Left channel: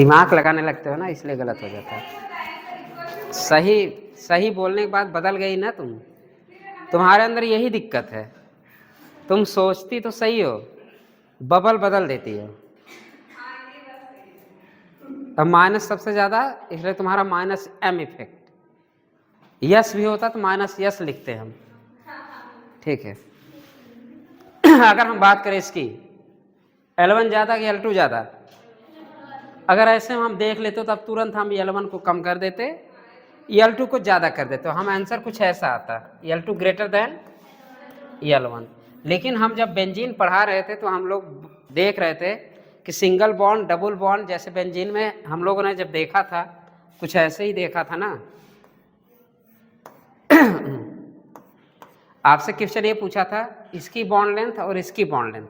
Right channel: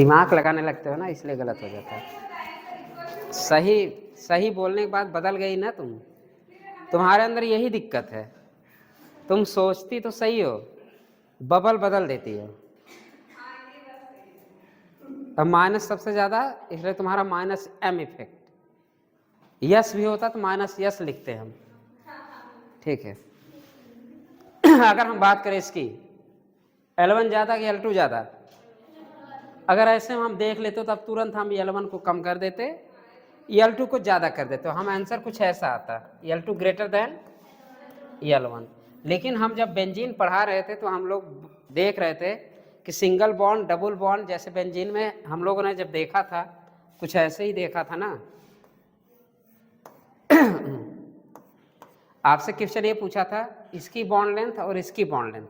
दिमाग लगाने लगते हो ना, इसलिए गलत हो जाता है। सही सही बोलने के बाद बदल गई ना तुम, तुम्हारे अंदर यही दिक्कत है। तुम सोचती तो सही हो, बबल बदल देती हो। अब माइनस सबसे ज्यादा, इसलिए तुम्हारा माइनस एम इफेक्ट। यस भी होता तो माइनस यस लिखते हम, ठीक है। अगर हम बात करें इसकी, L1 ज्यादा कि L2 ज्यादा, अगर ऐसे हम देख लेते तो अब तुरंत हम L1 को कम कर देते, L2 को ज्यादा कर देते, तो हम आंसर कुछ ऐसा आता, L2 ग्रेटर देन L1। लेकिन हम जब बेंजीन पढ़ा रहे थे तो हम लोग देख रहे थे कि सिंगल बॉन्ड डबल बॉन्ड, जैसे बेंजीन में हम लोगों ने जब देखा था कुछ ऐसे ही देखा था ना। आपसे क्वेश्चन ये पूछा था, इसकी बॉन्ड लेंथ और इसकी बॉन्ड लेंथ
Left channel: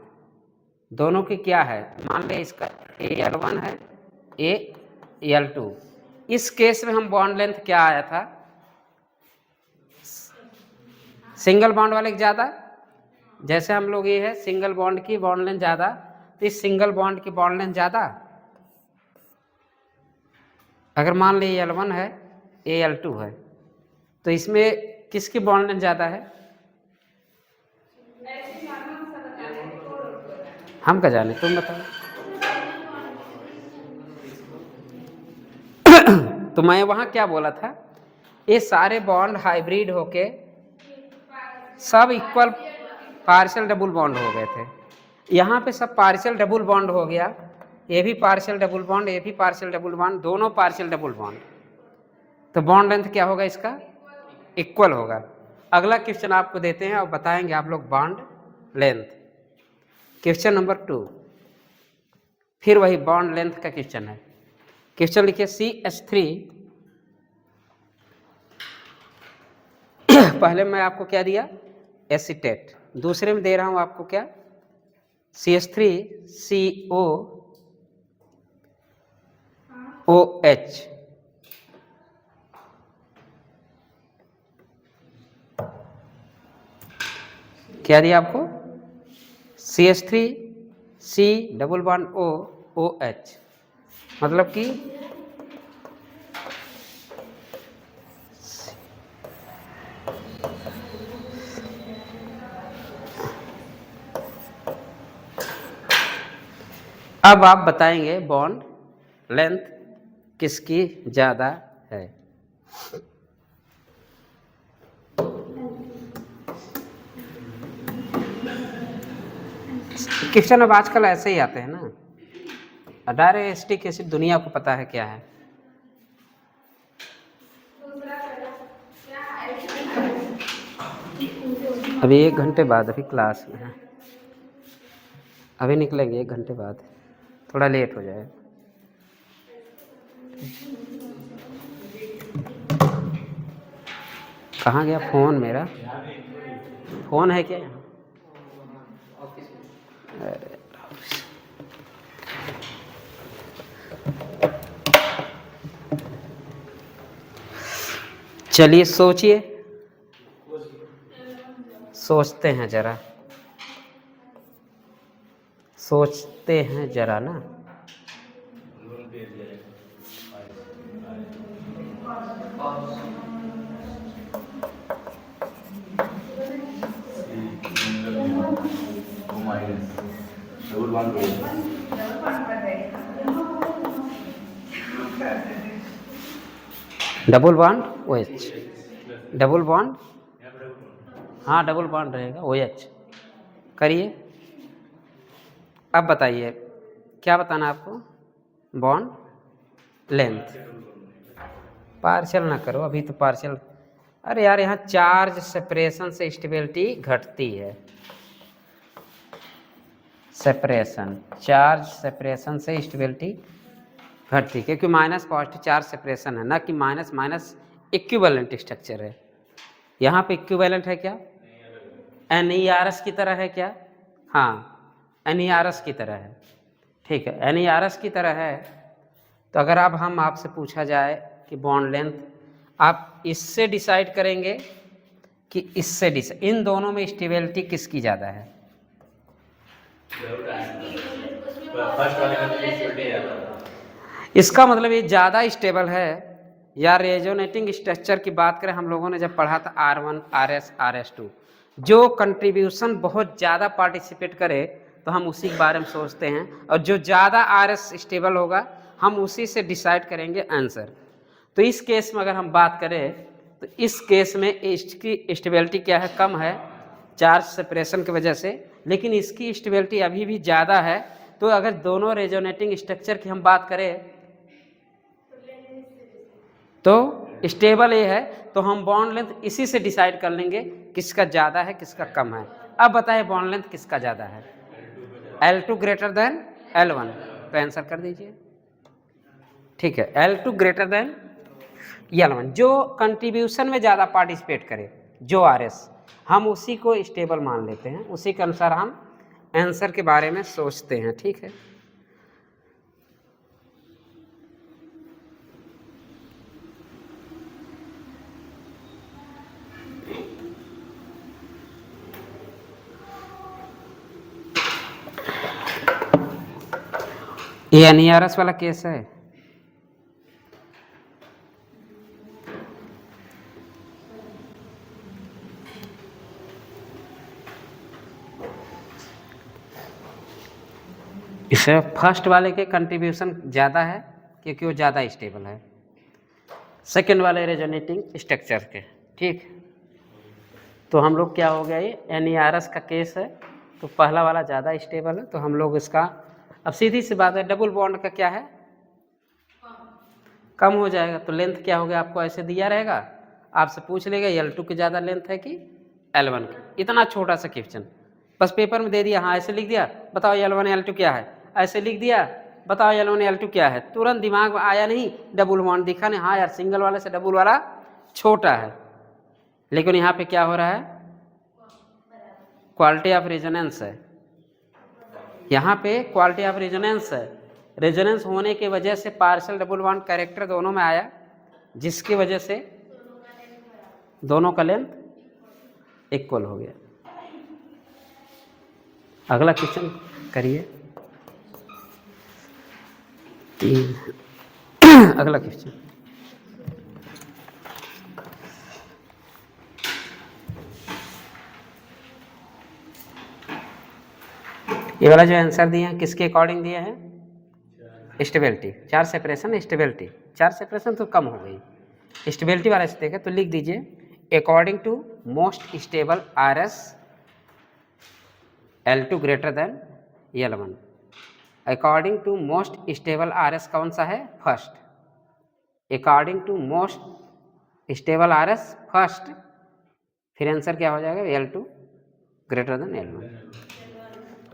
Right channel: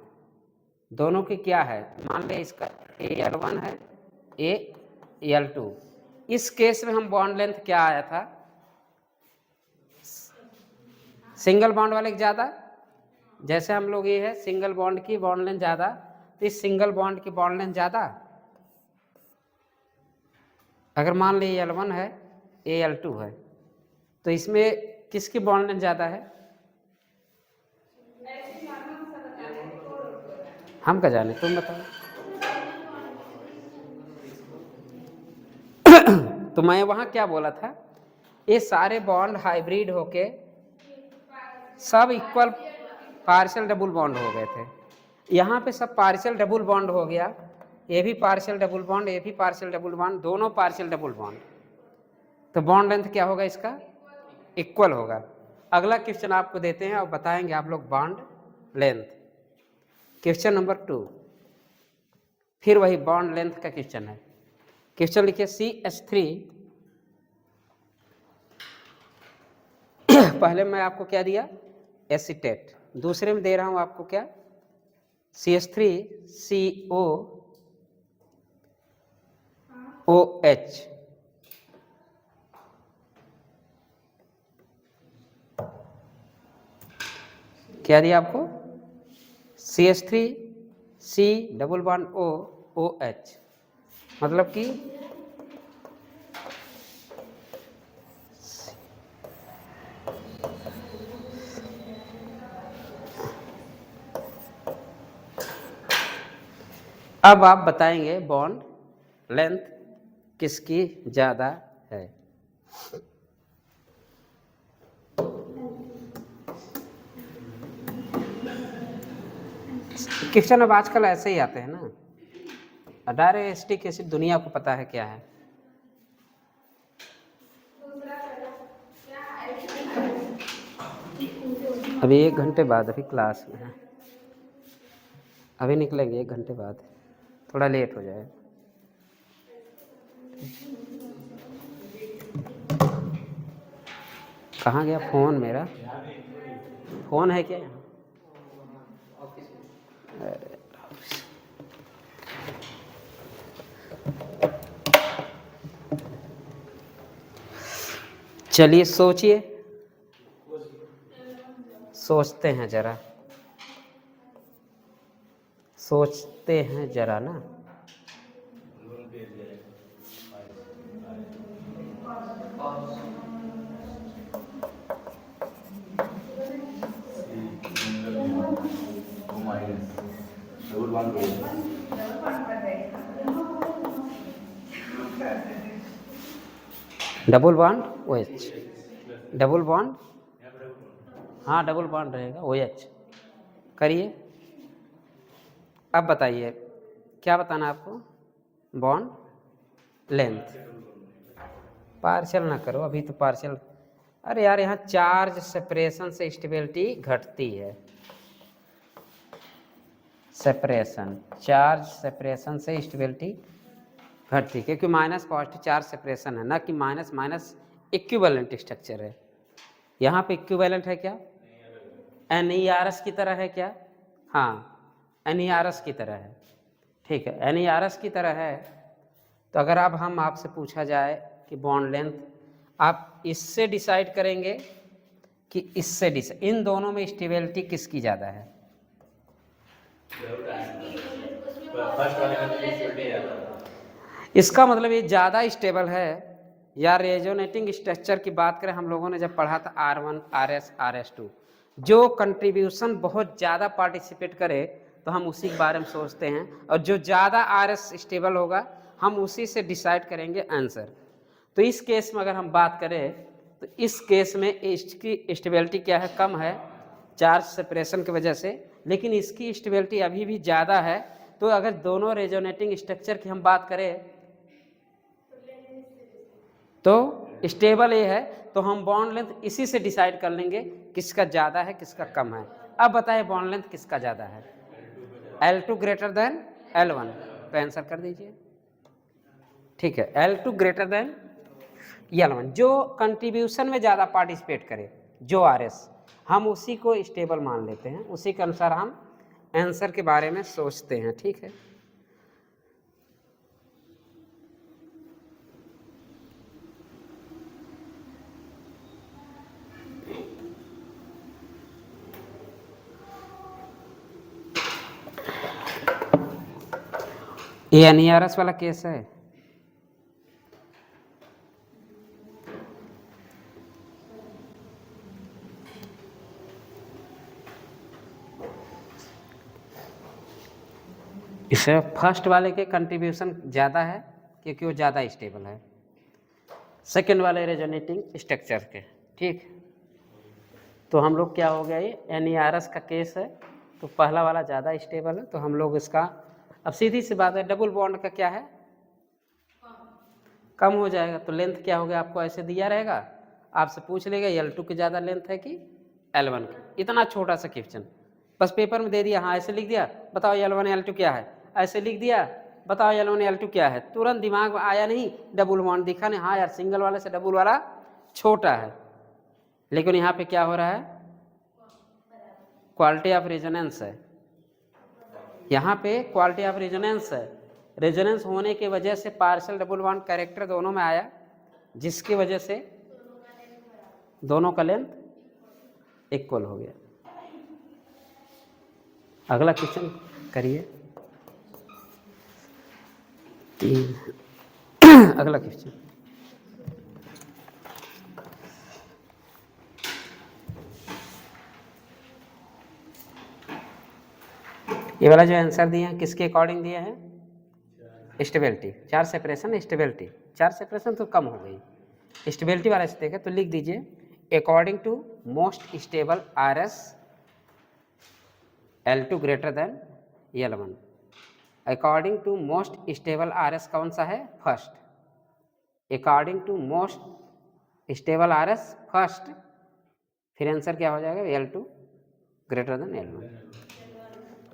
दोनों की क्या है। मान लें इसका Al1 है, Al2। इस केस में हम बॉन्ड लेंथ क्या आया था, सिंगल बॉन्ड वाले ज्यादा। जैसे हम लोग ये है सिंगल बॉन्ड की बॉन्ड लेंथ ज्यादा, तो इस सिंगल बॉन्ड की बॉन्ड लेंथ ज्यादा। अगर मान ली L1 है, Al2 है, तो इसमें किसकी बॉन्ड लेंथ ज्यादा है। हम क्या जाने, तुम बताओ। तो मैं वहां क्या बोला था, ये सारे बॉन्ड हाइब्रिड होके सब इक्वल पार्शियल डबल बॉन्ड हो गए थे। यहाँ पे सब पार्शियल डबल बॉन्ड हो गया, ये भी पार्शियल डबल बॉन्ड, ये भी पार्शियल डबल बॉन्ड, दोनों पार्शियल डबल बॉन्ड। तो बॉन्ड लेंथ क्या होगा इसका, इक्वल होगा। अगला क्वेश्चन आपको देते हैं और बताएंगे आप लोग बॉन्ड लेंथ। क्वेश्चन नंबर 2, फिर वही बॉन्ड लेंथ का क्वेश्चन है। क्वेश्चन लिखिए CH3 पहले मैं आपको क्या दिया, एसीटेट। दूसरे में दे रहा हूं आपको क्या, CH3COOH। क्या दिया आपको, CH3C डबल बॉन्ड OOH, मतलब कि अब आप बताएंगे बॉन्ड लेंथ किसकी ज्यादा है। क्वेश्चन अब आजकल ऐसे ही आते हैं ना, डायरेक्ट एसिटिक एसिड दुनिया को पता है क्या है। अभी 1 घंटे बाद, अभी क्लास में है, अभी निकलेंगे 1 घंटे बाद, थोड़ा लेट हो जाए। कहाँ गया फोन मेरा, फोन है क्या यहाँ। चलिए सोचिए, सोचते हैं जरा, सोचते हैं जरा ना। Double bond OH, double bond, हाँ डबल बॉन्ड रहेगा OH। करिए, अब बताइए क्या बताना आपको, बॉन्ड लेंथ। पार्शियल ना करो अभी तो, पार्शियल, अरे यार यहाँ चार्ज सेपरेशन से स्टेबिलिटी घटती है। सेपरेशन, चार्ज सेपरेशन से स्टेबिलिटी घटती है, क्योंकि माइनस पॉजिटिव चार्ज सेपरेशन है ना, कि माइनस माइनस इक्विवेलेंट स्ट्रक्चर है। यहाँ पे इक्विवेलेंट है क्या, NERS की तरह है क्या, हाँ NERS की तरह है, ठीक है NERS की तरह है। तो अगर अब हम आपसे पूछा जाए कि बॉन्ड लेंथ, आप इससे डिसाइड करेंगे कि इससे डिसाइड, इन दोनों में स्टेबिलिटी किसकी ज़्यादा है। इसका मतलब ये ज़्यादा स्टेबल है। या रेजोनेटिंग स्ट्रक्चर की बात करें, हम लोगों ने जब पढ़ा था R1, RS, RS2, जो कंट्रीब्यूशन बहुत ज़्यादा पार्टिसिपेट करे तो हम उसी के बारे में सोचते हैं, और जो ज़्यादा RS स्टेबल होगा हम उसी से डिसाइड करेंगे आंसर। तो इस केस में अगर हम बात करें तो इस केस में इसकी स्टेबिलिटी क्या है, कम है चार्ज सेपरेशन की वजह से, लेकिन इसकी स्टेबिलिटी अभी भी ज़्यादा है। तो अगर दोनों रेजोनेटिंग स्ट्रक्चर की हम बात करें तो स्टेबल ये है, तो हम बॉन्ड लेंथ इसी से डिसाइड कर लेंगे किसका ज़्यादा है किसका कम है। अब बताएं बॉन्ड लेंथ किसका ज़्यादा है, L2 ग्रेटर देन L1, तो आंसर कर दीजिए। ठीक है, L2 ग्रेटर देन L1, जो कंट्रीब्यूशन में ज़्यादा पार्टिसिपेट करे, जो RS, हम उसी को स्टेबल मान लेते हैं, उसी के अनुसार हम आंसर के बारे में सोचते हैं। ठीक है, ये NERS वाला केस है। इसे फर्स्ट वाले के कंट्रीब्यूशन ज़्यादा है क्योंकि वो ज़्यादा स्टेबल है, सेकेंड वाले रेजोनेटिंग स्ट्रक्चर के। ठीक, तो हम लोग क्या हो गया, ये NERS का केस है, तो पहला वाला ज़्यादा स्टेबल है, तो हम लोग इसका, अब सीधी सी बात है, डबल बॉन्ड का क्या है, कम हो जाएगा, तो लेंथ क्या हो गया, आपको ऐसे दिया रहेगा, आपसे पूछ लेगा L2 की ज़्यादा लेंथ है कि L1 की, इतना छोटा सा क्वेश्चन, बस पेपर में दे दिया, हाँ ऐसे लिख दिया, बताओ L1 L2 क्या है, ऐसे लिख दिया, बताओ L1 L2 क्या है, तुरंत दिमाग में आया नहीं, डबल बॉन्ड दिखा नहीं, हाँ यार सिंगल वाले से डबल वाला छोटा है, लेकिन यहाँ पे क्या हो रहा है, क्वालिटी ऑफ रेजोनेंस है, यहाँ पे क्वालिटी ऑफ रेजोनेंस है, रेजोनेंस होने की वजह से पार्शियल डबल बॉन्ड कैरेक्टर दोनों में आया, जिसकी वजह से दोनों का लेंथ इक्वल हो गया। अगला क्वेश्चन करिए, अगला क्वेश्चन, ये वाला जो आंसर दिए हैं किसके अकॉर्डिंग दिए हैं, stability, charge separation stability, charge separation तो कम हो गई, स्टेबिलिटी वाला से देखें तो लिख दीजिए according to most stable RS L2 greater than L1, according to most stable RS कौन सा है, first, according to most stable RS first, फिर आंसर क्या हो जाएगा, L2 ग्रेटर देन L1।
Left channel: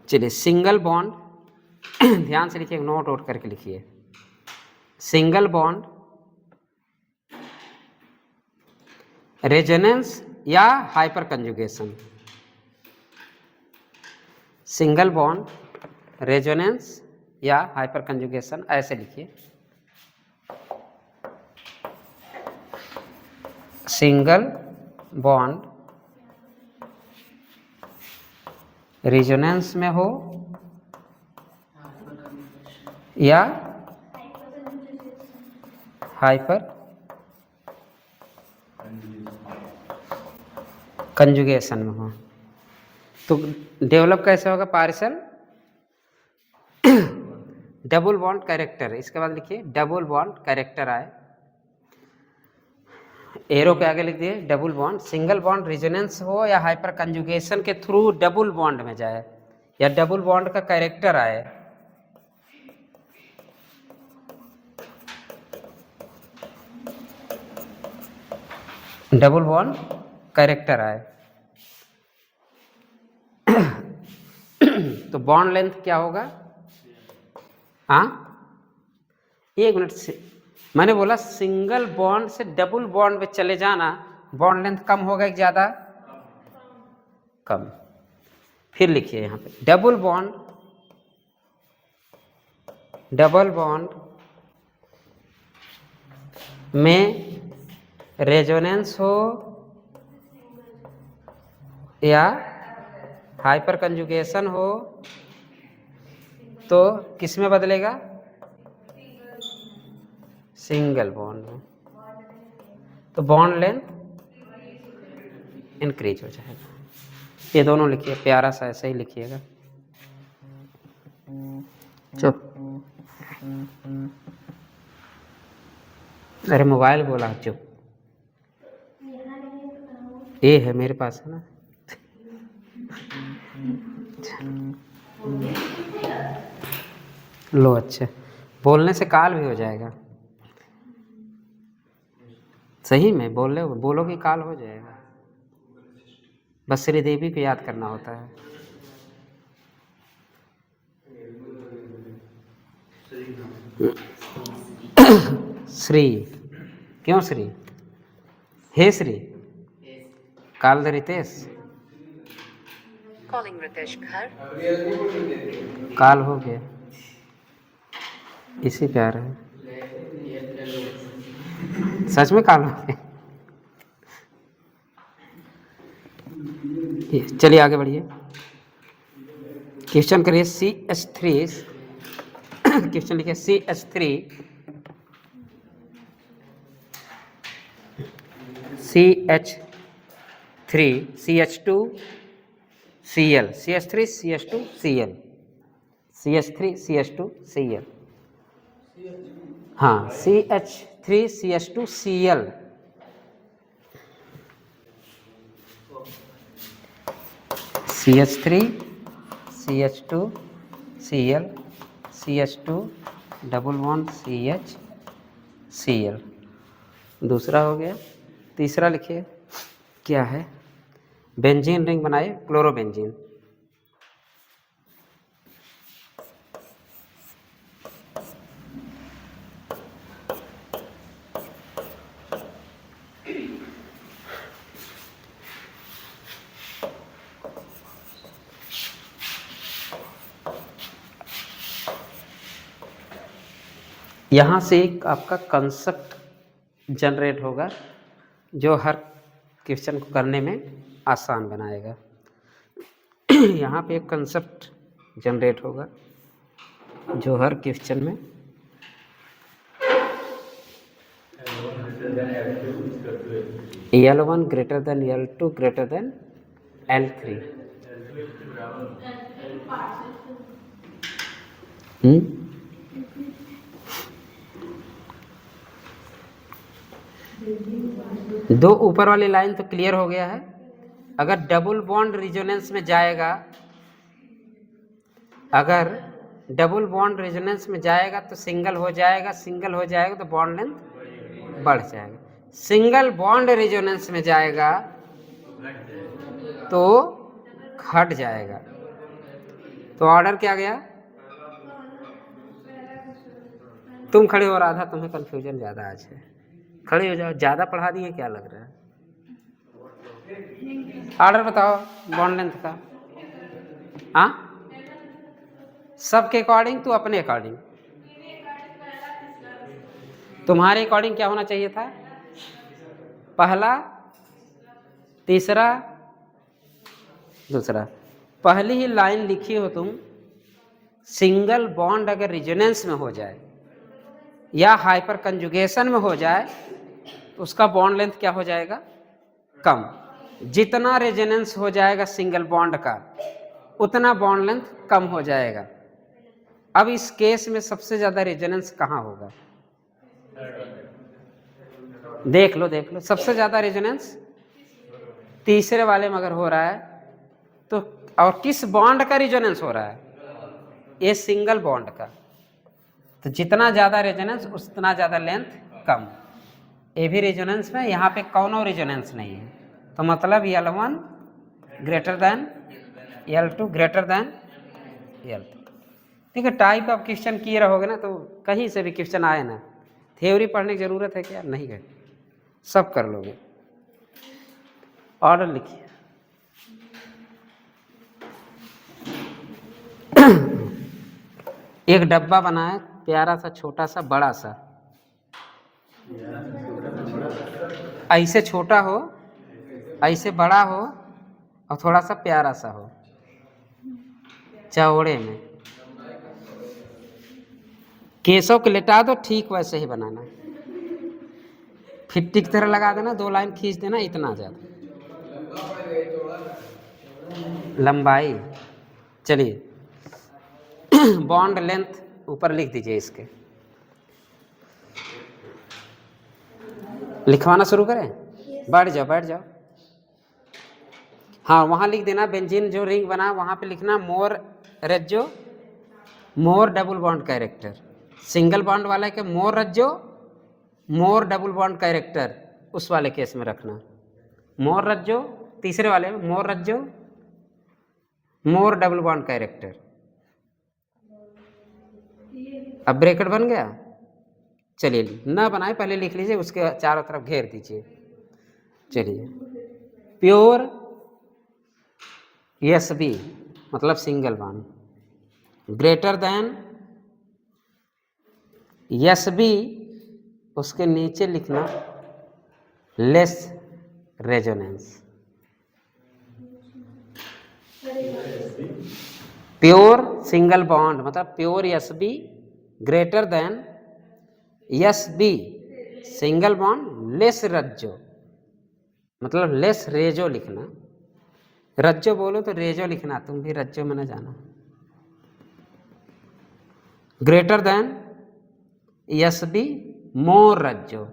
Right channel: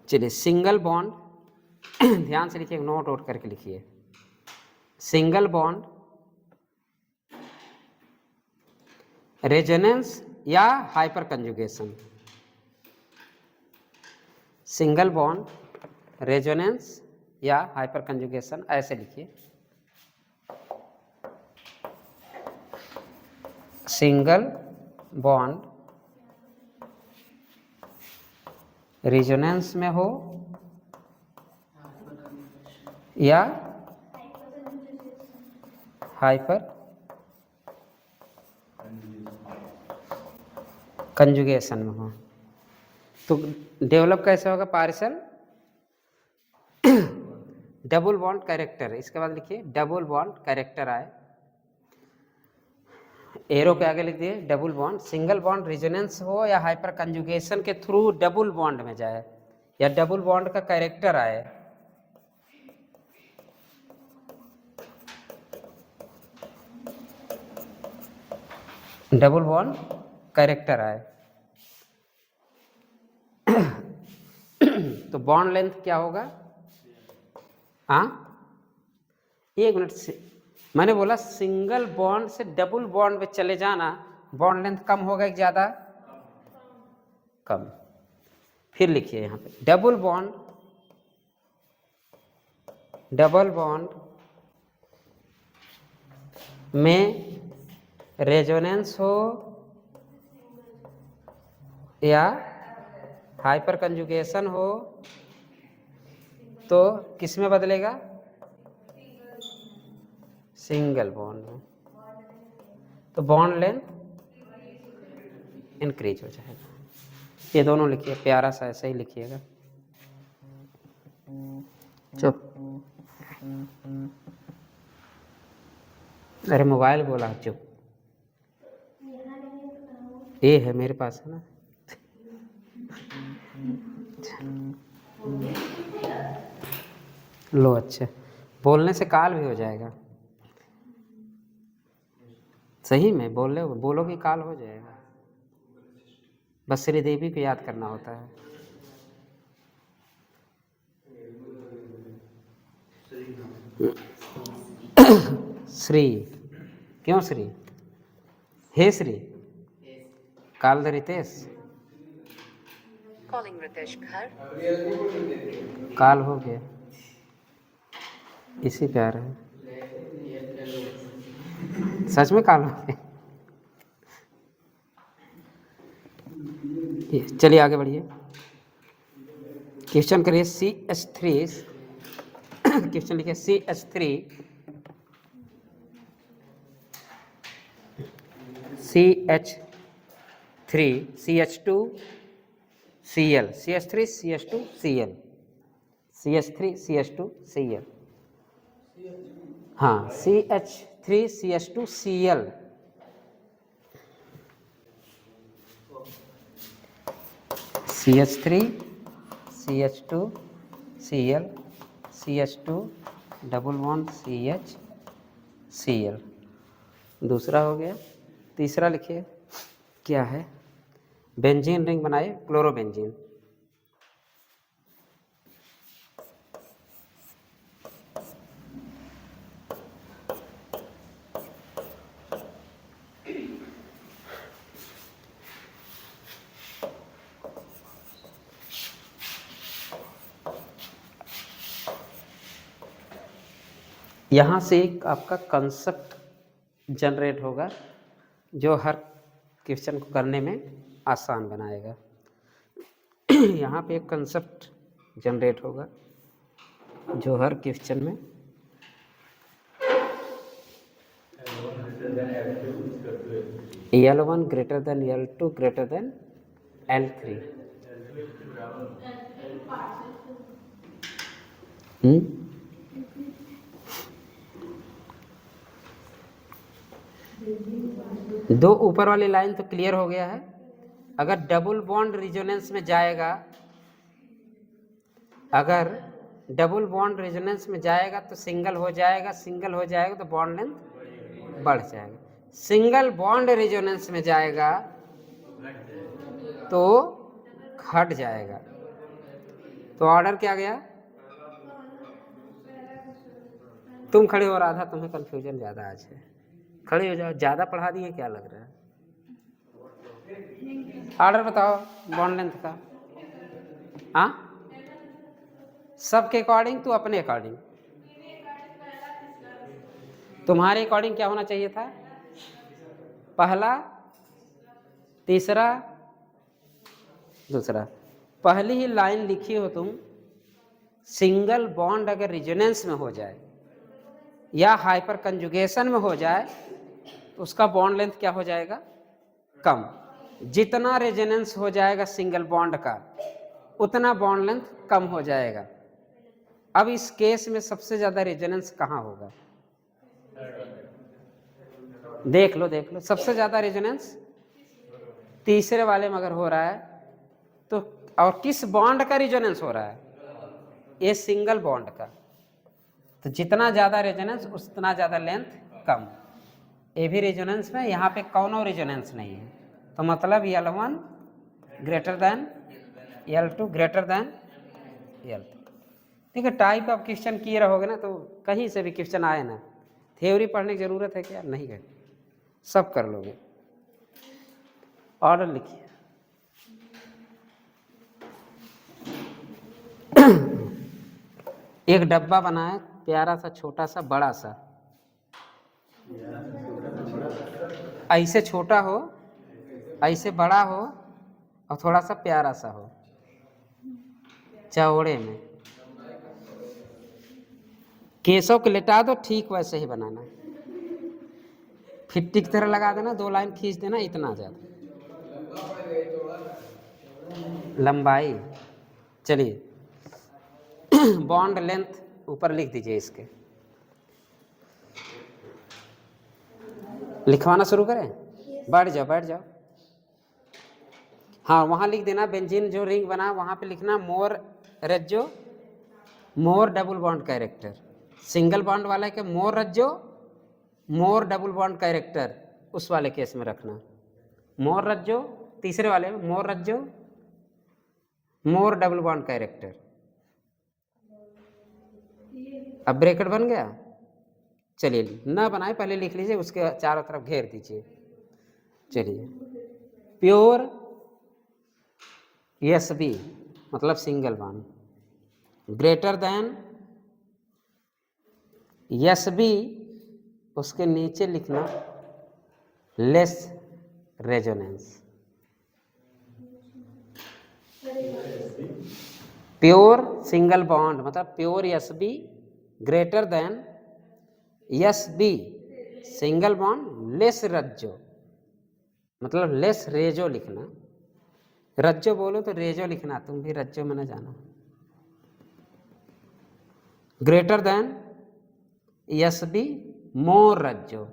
चलिए सिंगल बॉन्ड, ध्यान से लिखिए, नोट आउट करके लिखिए, सिंगल बॉन्ड रेजोनेंस या hyper conjugation, single bond resonance या हाइपर कंजुगेशन, ऐसे लिखिए, सिंगल बॉन्ड रेजोनेंस में हो या हाइपर कंजुगेशन में हो, तो डेवलप कैसे होगा, पार्शियल डबल बॉन्ड कैरेक्टर, इसके बाद लिखिए डबल बॉन्ड कैरेक्टर आए, एरो के आगे लिख दिए double bond, single bond resonance हो या हाइपर कंजुगेशन के थ्रू डबल बॉन्ड में जाए, या डबल बॉन्ड का कैरेक्टर आए, डबल बॉन्ड कैरेक्टर आए, तो बॉन्ड लेंथ क्या होगा, हाँ एक मिनट से, मैंने बोला सिंगल बॉन्ड से डबल बॉन्ड में चले जाना, बॉन्ड लेंथ कम होगा कि ज़्यादा, कम, फिर लिखिए यहाँ पे डबल बॉन्ड में रेजोनेंस हो या हाइपर कंजुगेशन हो तो किस में बदलेगा, सिंगल बॉन्ड में, तो बॉन्ड लेंथ इंक्रीज हो जाएगा। ये दोनों लिखिए, प्यारा सा ऐसे ही लिखिएगा। चुप, अरे मोबाइल बोला चुप। ये है मेरे पास है ना। लो अच्छा, बोलने से काल भी हो जाएगा। सही में बोलोगे काल हो जाएगा। बस श्रीदेवी को याद करना होता है। श्री, क्यों श्री? हे श्री, काल द रितेश, काल हो गया, इसी प्यार है। सच में काल हो गया। चलिए आगे बढ़िए, क्वेश्चन करिए। CH3 क्वेश्चन लिखिए CH3 CH2 Cl, CH3 CH2 Cl, CH3 CH2 Cl, हाँ CH3 CH2 Cl, CH3 CH2 Cl, CH2 double bond CH Cl, दूसरा हो गया। तीसरा लिखिए क्या है, बेंजीन रिंग बनाए, क्लोरोबेंजीन। यहाँ से एक आपका कंसेप्ट जनरेट होगा जो हर क्वेश्चन को करने में आसान बनाएगा। यहाँ पे एक कंसेप्ट जनरेट होगा जो हर क्वेश्चन में L1 greater than L2 greater then L3। दो ऊपर वाली लाइन तो क्लियर हो गया है। अगर डबल बॉन्ड रिजोनेंस में जाएगा, अगर डबल बॉन्ड रेजोनेंस में जाएगा तो सिंगल हो जाएगा, सिंगल हो जाएगा तो बॉन्ड लेंथ बढ़ जाएगा। सिंगल बॉन्ड रेजोनेंस में जाएगा तो घट जाएगा। तो ऑर्डर क्या गया? तुम खड़े हो, राधा तुम्हें कंफ्यूजन ज़्यादा आज है, खड़े हो जाओ, ज़्यादा पढ़ा दिए क्या लग रहा है? ऑर्डर बताओ बॉन्ड लेंथ का। हाँ, सबके अकॉर्डिंग, तू अपने अकॉर्डिंग, तुम्हारे अकॉर्डिंग क्या होना चाहिए था? पहला, तीसरा, दूसरा। पहली ही लाइन लिखी हो तुम, सिंगल बॉन्ड अगर रिजोनेंस में हो जाए या हाइपर कंजुगेशन में हो जाए तो उसका बॉन्ड लेंथ क्या हो जाएगा? कम। जितना रेजोनेंस हो जाएगा सिंगल बॉन्ड का उतना बॉन्ड लेंथ कम हो जाएगा। अब इस केस में सबसे ज्यादा रेजोनेंस कहाँ होगा? देख लो देख लो, सबसे ज्यादा रेजोनेंस तीसरे वाले में अगर हो रहा है तो, और किस बॉन्ड का रेजोनेंस हो रहा है? ये सिंगल बॉन्ड का। तो जितना ज्यादा रेजोनेंस उतना ज्यादा लेंथ कम। ये भी रेजोनेंस में, यहाँ पे कौनो रेजोनेंस नहीं है, तो मतलब L1 greater than L2 greater then L3। ठीक है, टाइप ऑफ क्वेश्चन किए रहोगे ना तो कहीं से भी क्वेश्चन आए ना, थ्योरी पढ़ने की जरूरत है क्या? नहीं है, सब कर लोगे। ऑर्डर लिखिए। एक डब्बा बनाए, प्यारा सा, छोटा सा, बड़ा सा, ऐसे छोटा हो, ऐसे बड़ा हो, और थोड़ा सा प्यारा सा हो, चौड़े में। केसों को लेटा दो, ठीक वैसे ही बनाना। फिफ्टी की तरह लगा देना, 2 लाइन खींच देना, इतना ज़्यादा लंबाई। चलिए बॉन्ड लेंथ ऊपर लिख दीजिए इसके, लिखवाना शुरू करें। बैठ जाओ बैठ जाओ। हाँ वहाँ लिख देना, बेंजीन जो रिंग बना वहाँ पे लिखना मोर रज्जो, more double bond character. Single bond वाले के मोर रज्जो, मोर डबल बॉन्ड कैरेक्टर, उस वाले केस में रखना मोर रज्जो। तीसरे वाले में मोर रज्जो, मोर डबल बॉन्ड कैरेक्टर। अब ब्रैकेट बन गया। चलिए ना बनाए पहले लिख लीजिए, उसके चारों तरफ घेर दीजिए। चलिए प्योर एस बी मतलब single bond, greater than S B, उसके नीचे लिखना less resonance. Pure single bond मतलब pure S B greater than S B single bond less रज्जो मतलब लेस रेजो लिखना। रज्जो बोलो तो रेजो लिखना, तुम भी रज्जो में न जाना। Greater than S B more रज्जो,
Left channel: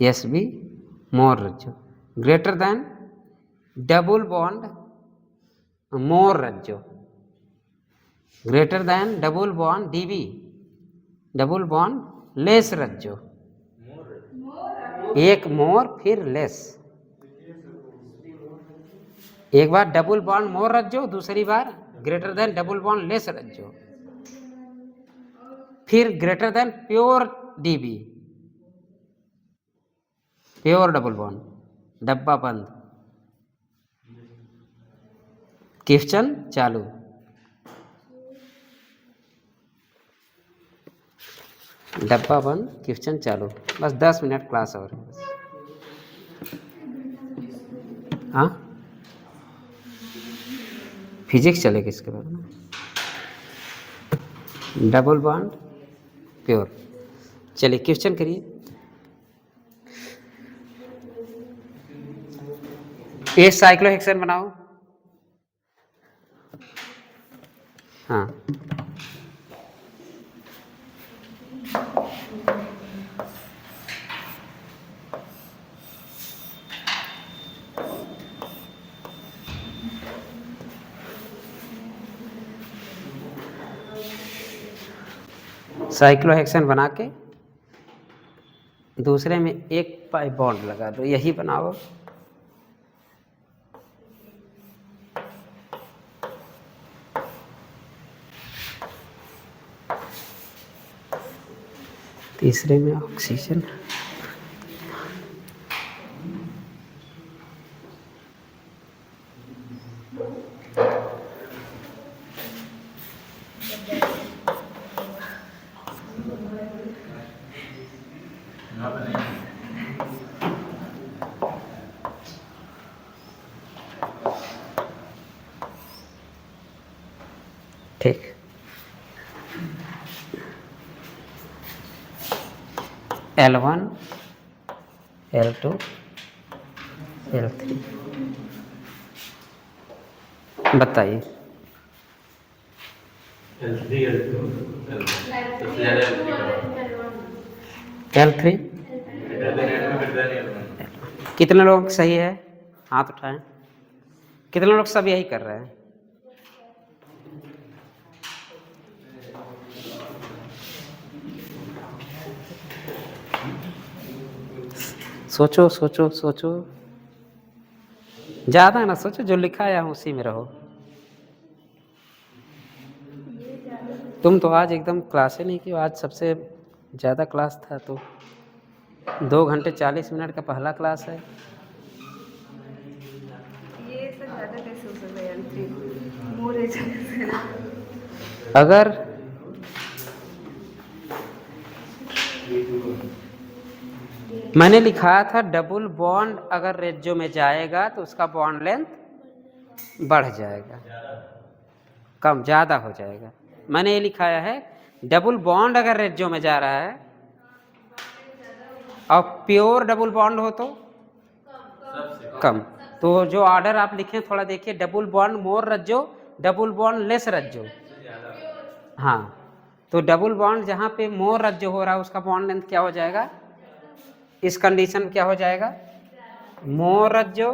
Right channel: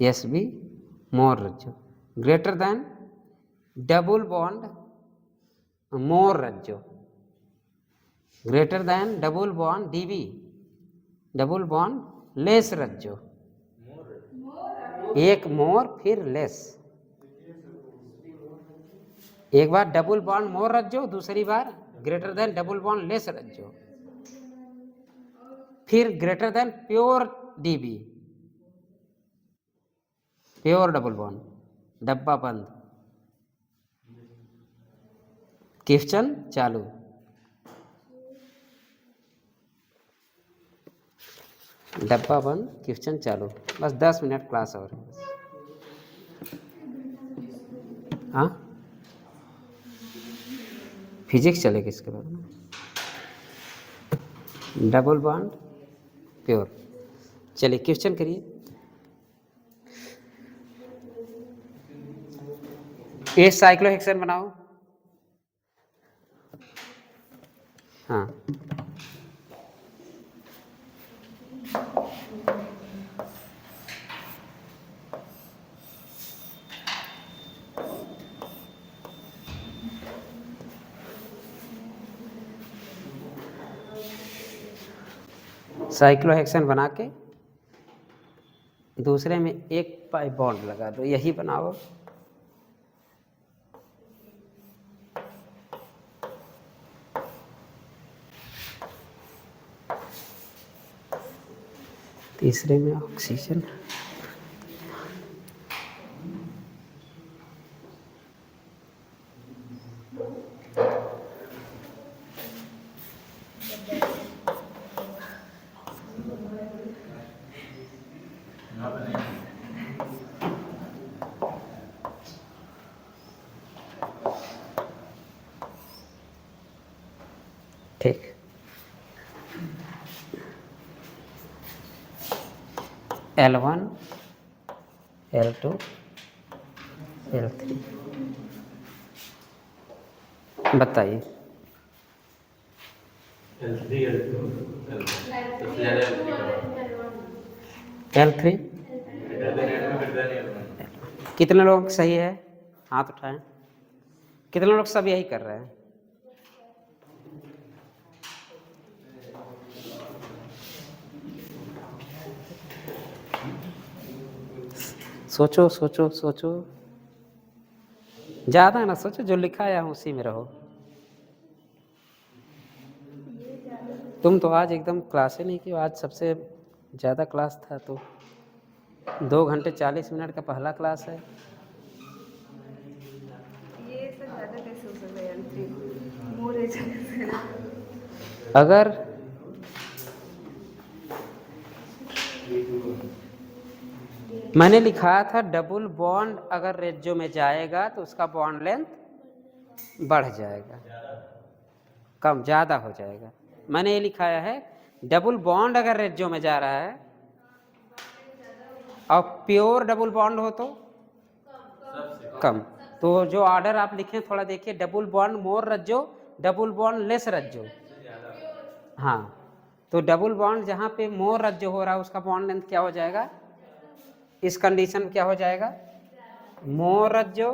एस बी मोर रज्जो। Greater than double bond more रज्जो, greater than double bond DB double bond less रज्जो। एक मोर फिर लेस, एक बार डबल बॉन्ड मोर रज्जो, दूसरी बार greater than double bond less रज्जो, फिर greater than pure DB pure double bond. डब्बा बंद, क्वेश्चन चालू। डब्बा बंद क्वेश्चन चालू। बस 10 मिनट क्लास और है। हाँ फिजिक्स चलेगी इसके बाद में। Double bond pure. चलिए क्वेश्चन करिए। ये साइक्लोहेक्सेन बनाओ। हाँ साइक्लोहेक्सेन बना के दूसरे में एक पाई बॉन्ड लगा दो, यही बनाओ। तीसरे में ऑक्सीजन, ठीक। L1 L2 L3 बताइए। L3 कितने लोग सही है हाथ उठाएं। कितने लोग सब यही कर रहे हैं। सोचो सोचो सोचो, ज़्यादा ना सोचो, जो लिखा है उसी में रहो। तुम तो आज एकदम क्लास ही नहीं की, आज सबसे ज़्यादा क्लास था तो 2 घंटे 40 मिनट का पहला क्लास है। अगर मैंने लिखा था डबल बॉन्ड अगर रेजियो में जाएगा तो उसका बॉन्ड लेंथ बढ़ जाएगा, कम ज़्यादा हो जाएगा। मैंने ये लिखाया है डबल बॉन्ड अगर रेजियो में जा रहा है और प्योर डबल बॉन्ड हो तो कम। तो जो ऑर्डर आप लिखे थोड़ा देखिए, डबल बॉन्ड मोर रज्जो, डबल बॉन्ड लेस रज्जो। हाँ, तो डबल बॉन्ड जहाँ पे मोर रज्जो हो रहा है उसका बॉन्ड लेंथ क्या हो जाएगा, इस कंडीशन में क्या हो जाएगा, मोर रज्जो,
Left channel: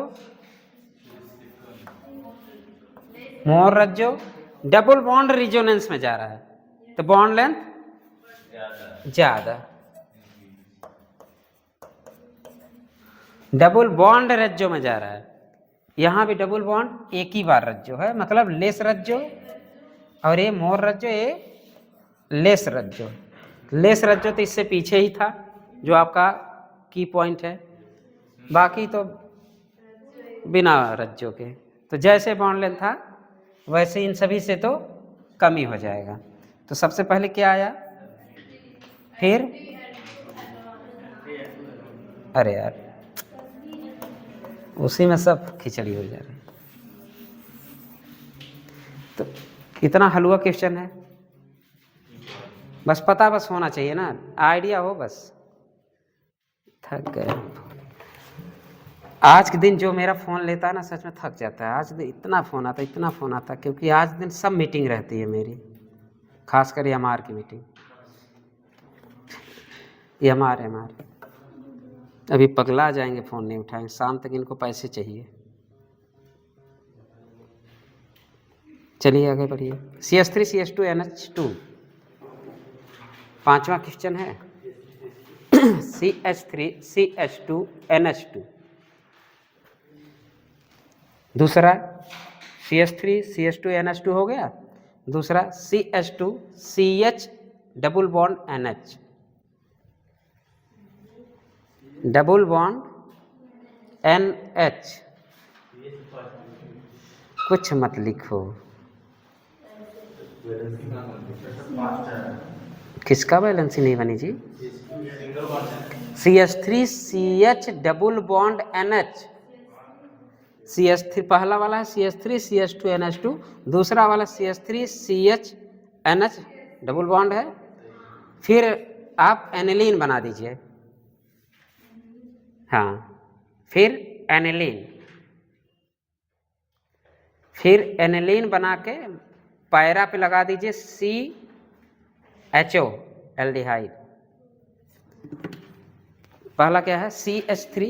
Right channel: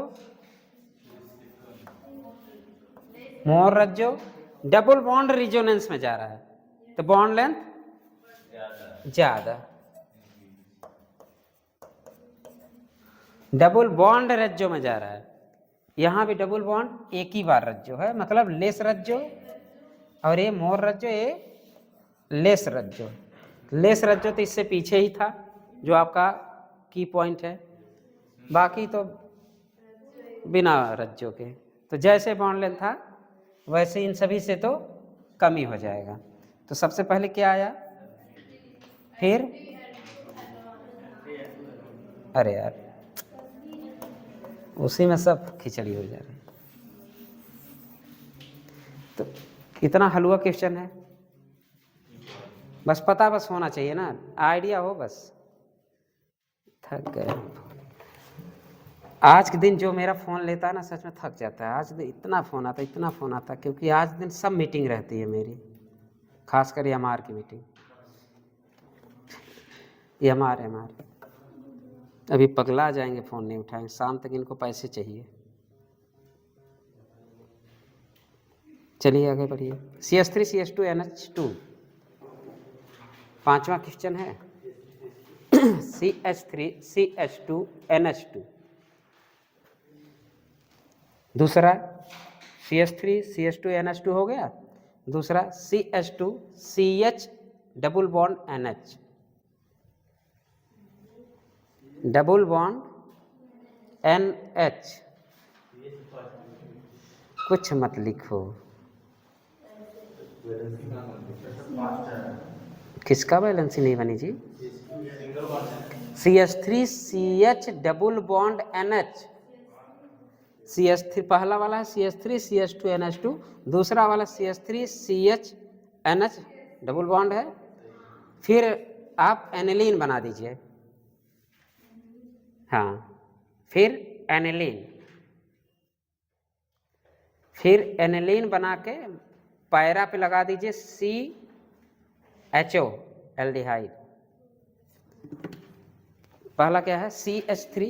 मोर रज्जो, डबल बॉन्ड रिजोनेंस में जा रहा है तो बॉन्ड लेंथ ज्यादा। डबल बॉन्ड रज्जो में जा रहा है, यहाँ भी डबल बॉन्ड एक ही बार रज्जो है, मतलब लेस रज्जो, और ये मोर रज्जो, ये लेस रज्जो। लेस रज्जो तो इससे पीछे ही था जो आपका की पॉइंट है, बाकी तो बिना रज्जो के। तो जैसे बॉन्ड लेंथ था वैसे इन सभी से तो कम ही हो जाएगा। तो सबसे पहले क्या आया, फिर अरे यार उसी में सब खिचड़ी हो जा रही। तो इतना हलवा क्वेश्चन है, बस पता बस होना चाहिए ना, आइडिया हो बस। थक गए आज के दिन, जो मेरा फ़ोन लेता है ना सच में थक जाता है। आज दिन इतना फ़ोन आता, इतना फ़ोन आता, क्योंकि आज दिन सब मीटिंग रहती है मेरी, खासकर एमआर की मीटिंग। एमआर अभी पगला जाएंगे, फ़ोन नहीं उठाएंगे, शाम तक इनको पैसे चाहिए। चलिए आगे बढ़िए। CH3 CH2 NH2 पांचवा क्वेश्चन है। CH3 CH2 NH2, दूसरा CH3 CH2 NH2 हो गया, दूसरा CH2 CH double bond NH, double bond NH। कुछ मत लिखो, किसका बैलेंस नहीं बनी जी। CH3 CH double bond NH, CH3 पहला वाला है CH3 CH2 NH2, दूसरा वाला CH3 CH NH double bond है। फिर आप एनिलीन बना दीजिए, हाँ, फिर एनिलीन, फिर एनिलीन बना के पैरा पे लगा दीजिए CHO एल्डिहाइड। पहला क्या है CH3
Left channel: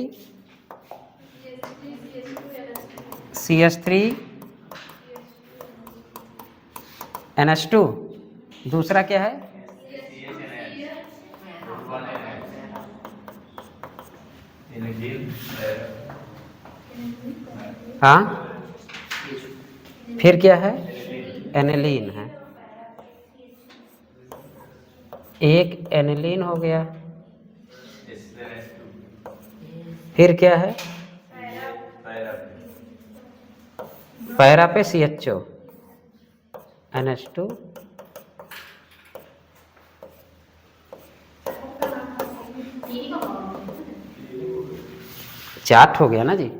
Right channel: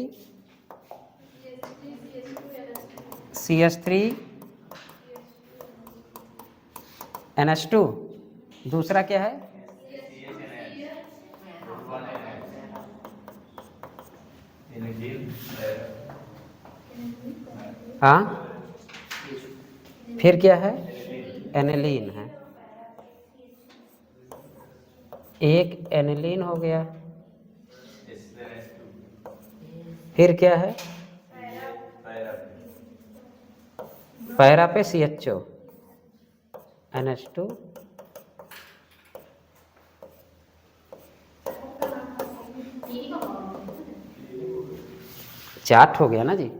CH3 NH2, दूसरा क्या है हाँ, फिर क्या है एनिलीन है, एक एनिलीन हो गया। फिर क्या है पैरा पे CHO NH2, चार्ट हो गया ना जी।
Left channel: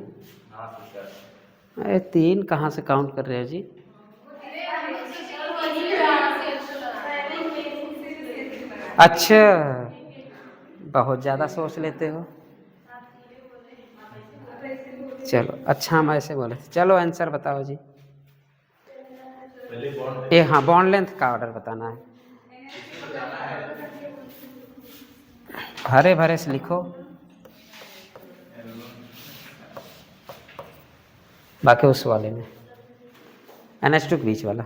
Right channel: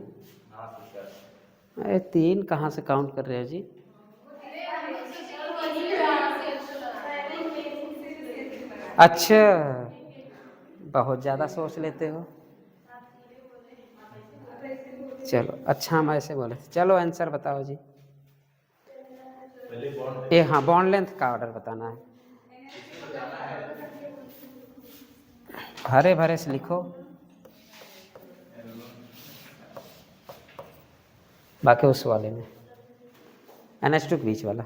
अरे 3 कहाँ से काउंट कर रहे हैं जी। अच्छा, बहुत ज़्यादा सोच लेते हो। चलो अच्छा, हम ऐसे बोले, चलो आंसर बताओ जी। ये हाँ, बॉन्ड लेंथ का ऑर्डर बताना है, हरे भरे से लिखो, बाकी उस वाले में NH2 के बीच वाला।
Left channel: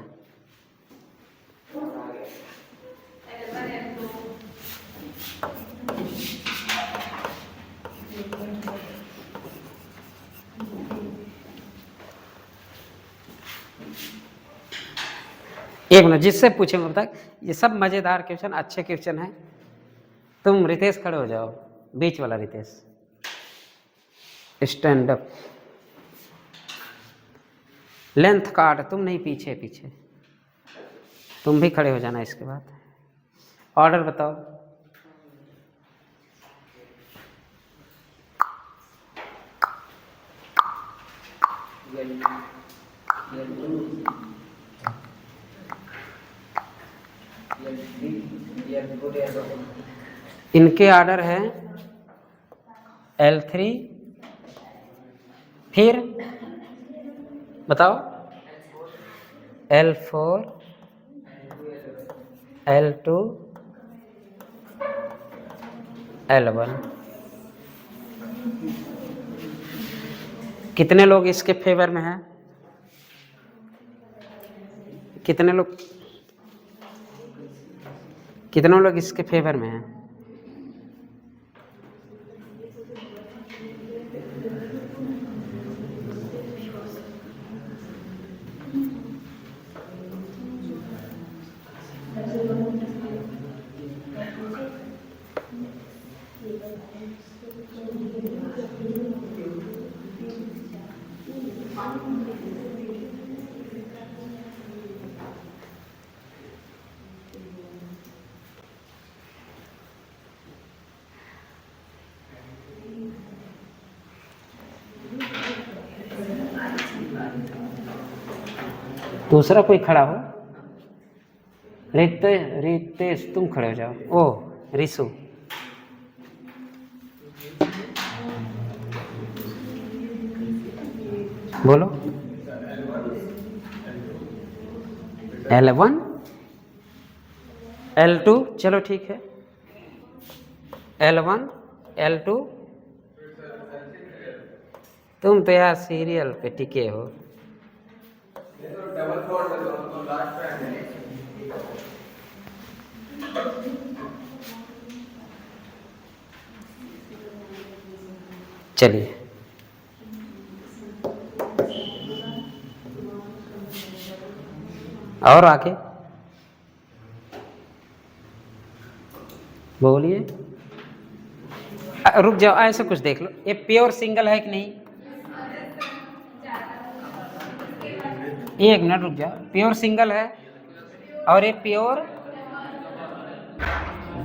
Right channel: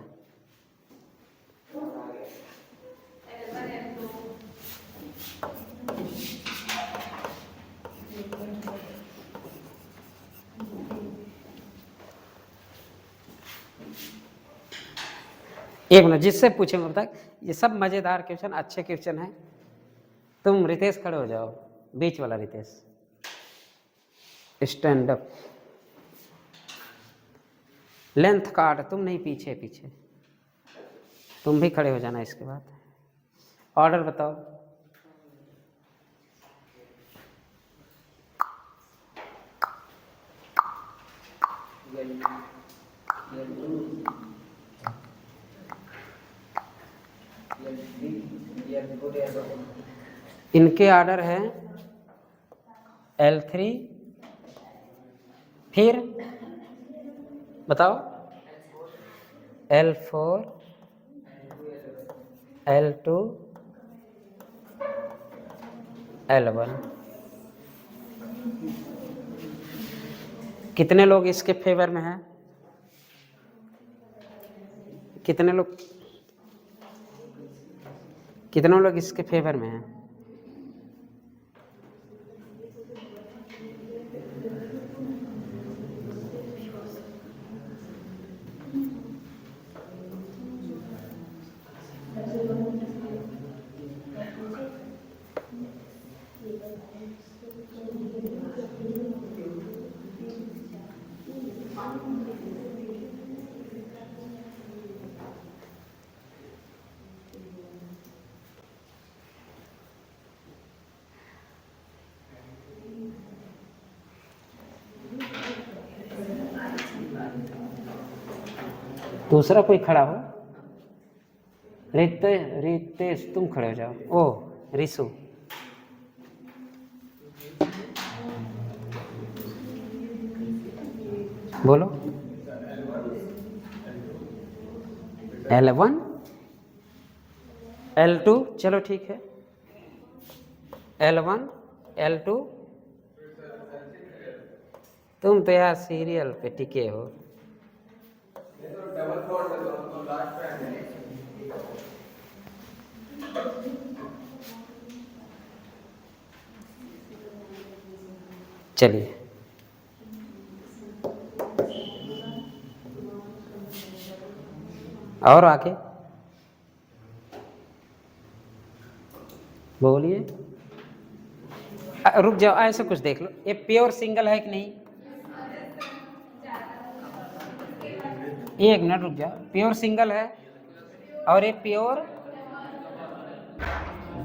एक मिनट, जिससे पूछेंगे तक, ये सब मज़ेदार क्वेश्चन, अच्छे क्वेश्चन हैं। तुम रितेश खड़े हो जाओ, बीच वाला Ritesh, stand up. Length card, तुम नहीं, पीछे पीछे, तुम भी खड़े हो जाना। इसके बाद ऑर्डर बताओ। इनके ऑर्डर है L3, फिर बताओ L4, L2, L1। कितने लोग इसके फेवर में हैं? कितने लोग इसके फेवर में हैं? दूसरा कोई खड़ा हो। रितेश तुम खड़े हो जाओ। ओ रिसु, बोलो। L1, L2, चलो ठीक है। L1, L2, तुम तो यार सीरियल पे टिके हो। चलिए और आगे बोलिए। रुक जाओ, ऐसे कुछ देख लो, ये प्योर सिंगल है कि नहीं? एक मिनट रुक जाओ, प्योर सिंगल है और ये प्योर